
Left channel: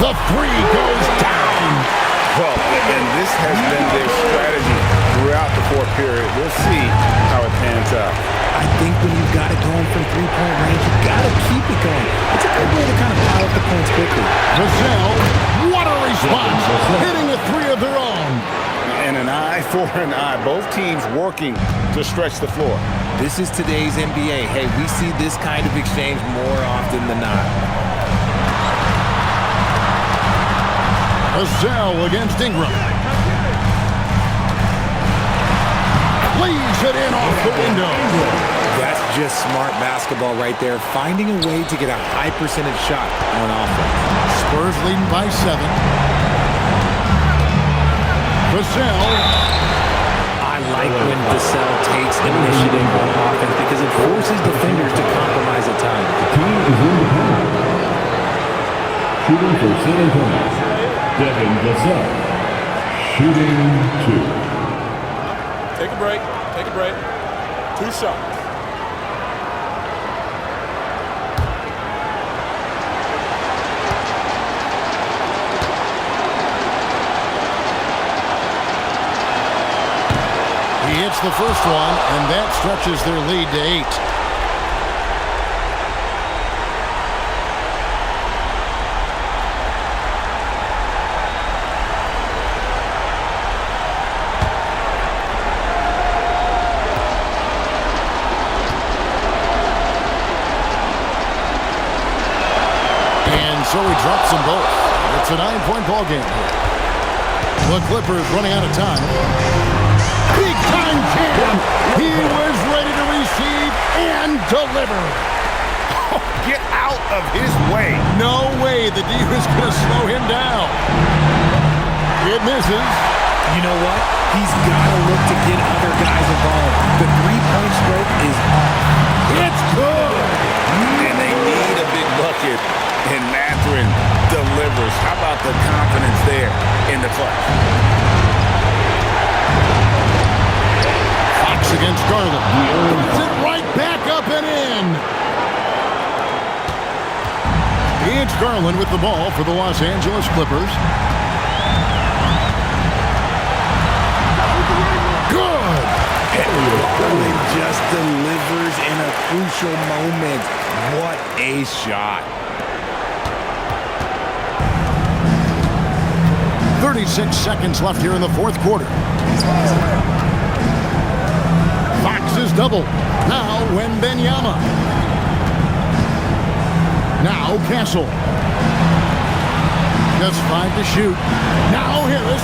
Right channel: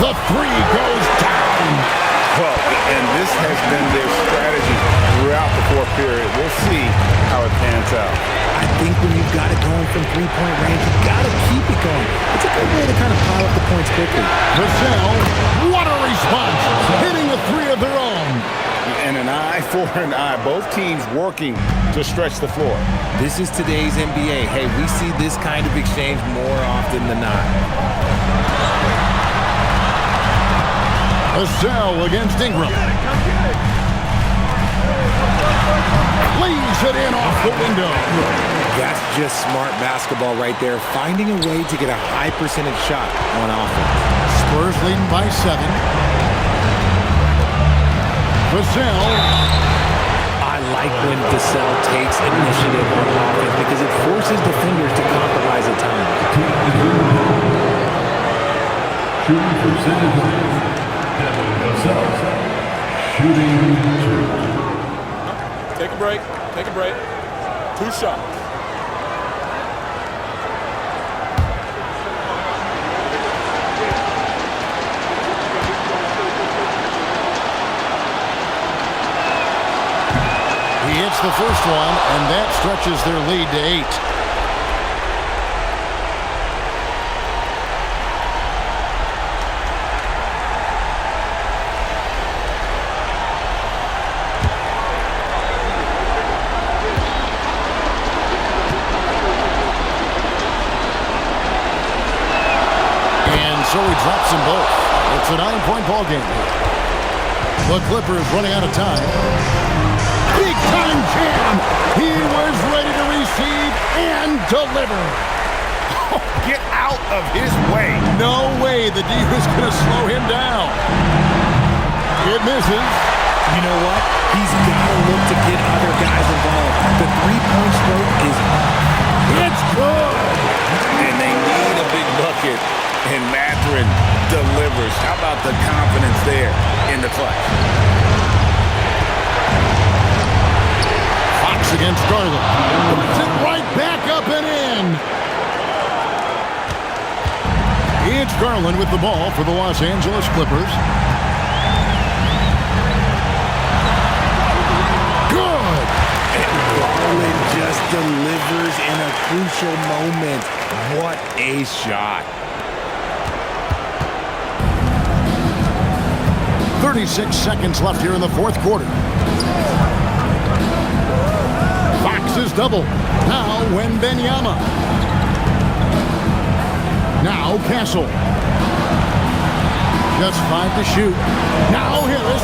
The 3 goes down. Well, and this has been their strategy throughout the fourth period. We'll see how it pans out. I think when you've got it going from three-point range, you've got to keep it going. It's a good way to kind of pile up the points quickly. Vassell, what a response. Hitting a 3 of their own. And an eye for an eye. Both teams working to stretch the floor. This is today's NBA. Hey, we see this kind of exchange more often than not. Vassell against Ingram. Lays it in off the window. That's just smart basketball right there. Finding a way to get a high percentage shot on offense. Spurs leading by 7. Vassell. I like when Vassell takes initiative on offense because it forces defenders to compromise at times. The team is independent. Shooting for San Antonio, Devin Vassell. Shooting 2. Take a break. Take a break. 2 shots. He hits the first one, and that stretches their lead to 8. And so he drops them both. It's a 9-point ball game here. The Clippers running out of time. Big time jam. He was ready to receive and deliver. Oh, get out of his way. No way the D was going to slow him down. It misses. You know what? He's got to look to get other guys involved. The three-point stroke is off. It's good. And they need a big bucket, and Mathurin delivers. How about the confidence there in the clutch? Fox against Garland. Puts it right back up and in. It's Garland with the ball for the Los Angeles Clippers. Good. And Garland just delivers in a crucial moment. What a shot. 36 seconds left here in the fourth quarter. Fox is double. Now Wembanyama. Now Castle. Just 5 to shoot. Now Harris.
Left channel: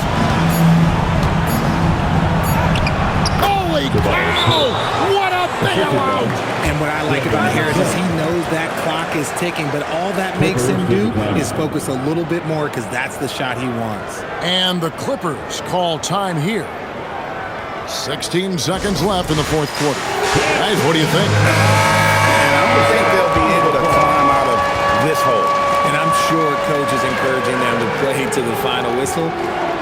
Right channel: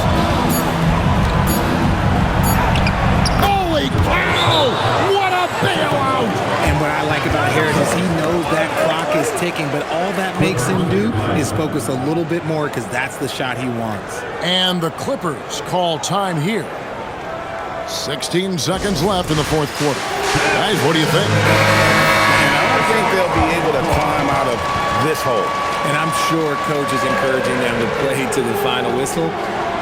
Oh, Holy cow! What a bailout! And what I like about Harris is he knows that clock is ticking, but all that makes him do is focus a little bit more because that's the shot he wants. And the Clippers call time here. 16 seconds left in the fourth quarter. Guys, what do you think? And I don't think they'll be able to climb out of this hole. And I'm sure coach is encouraging them to play to the final whistle.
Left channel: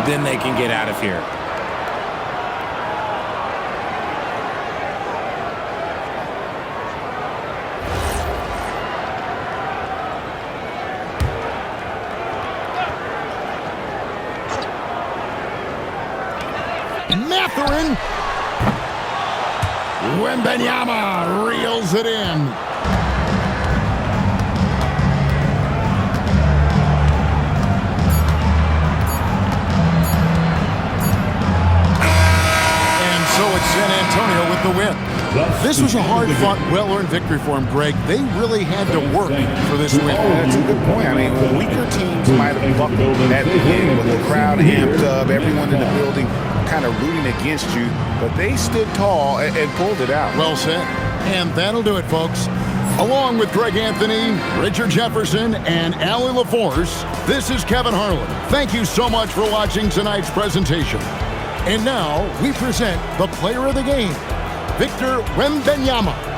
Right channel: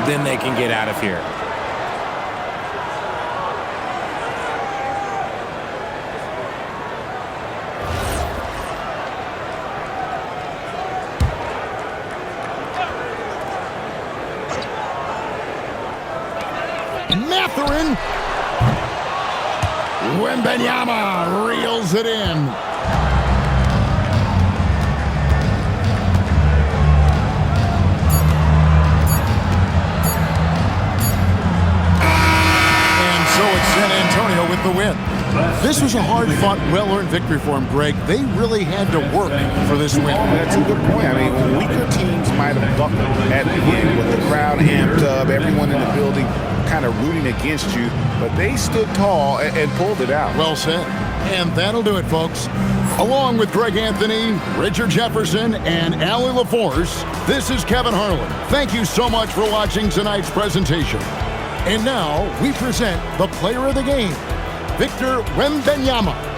Then they can get out of here. Mathurin. Wembanyama reels it in. And so it's San Antonio with the win. This was a hard-fought, well-earned victory for him, Greg. They really had to work for this win. That's a good point. I mean, weaker teams might have buckled at the end with the crowd amped up, everyone in the building kind of rooting against you, but they stood tall and pulled it out. Well said. And that'll do it, folks. Along with Greg Anthony, Richard Jefferson, and Allie LaForce, this is Kevin Harlan. Thank you so much for watching tonight's presentation. And now we present the player of the game, Victor Wembanyama.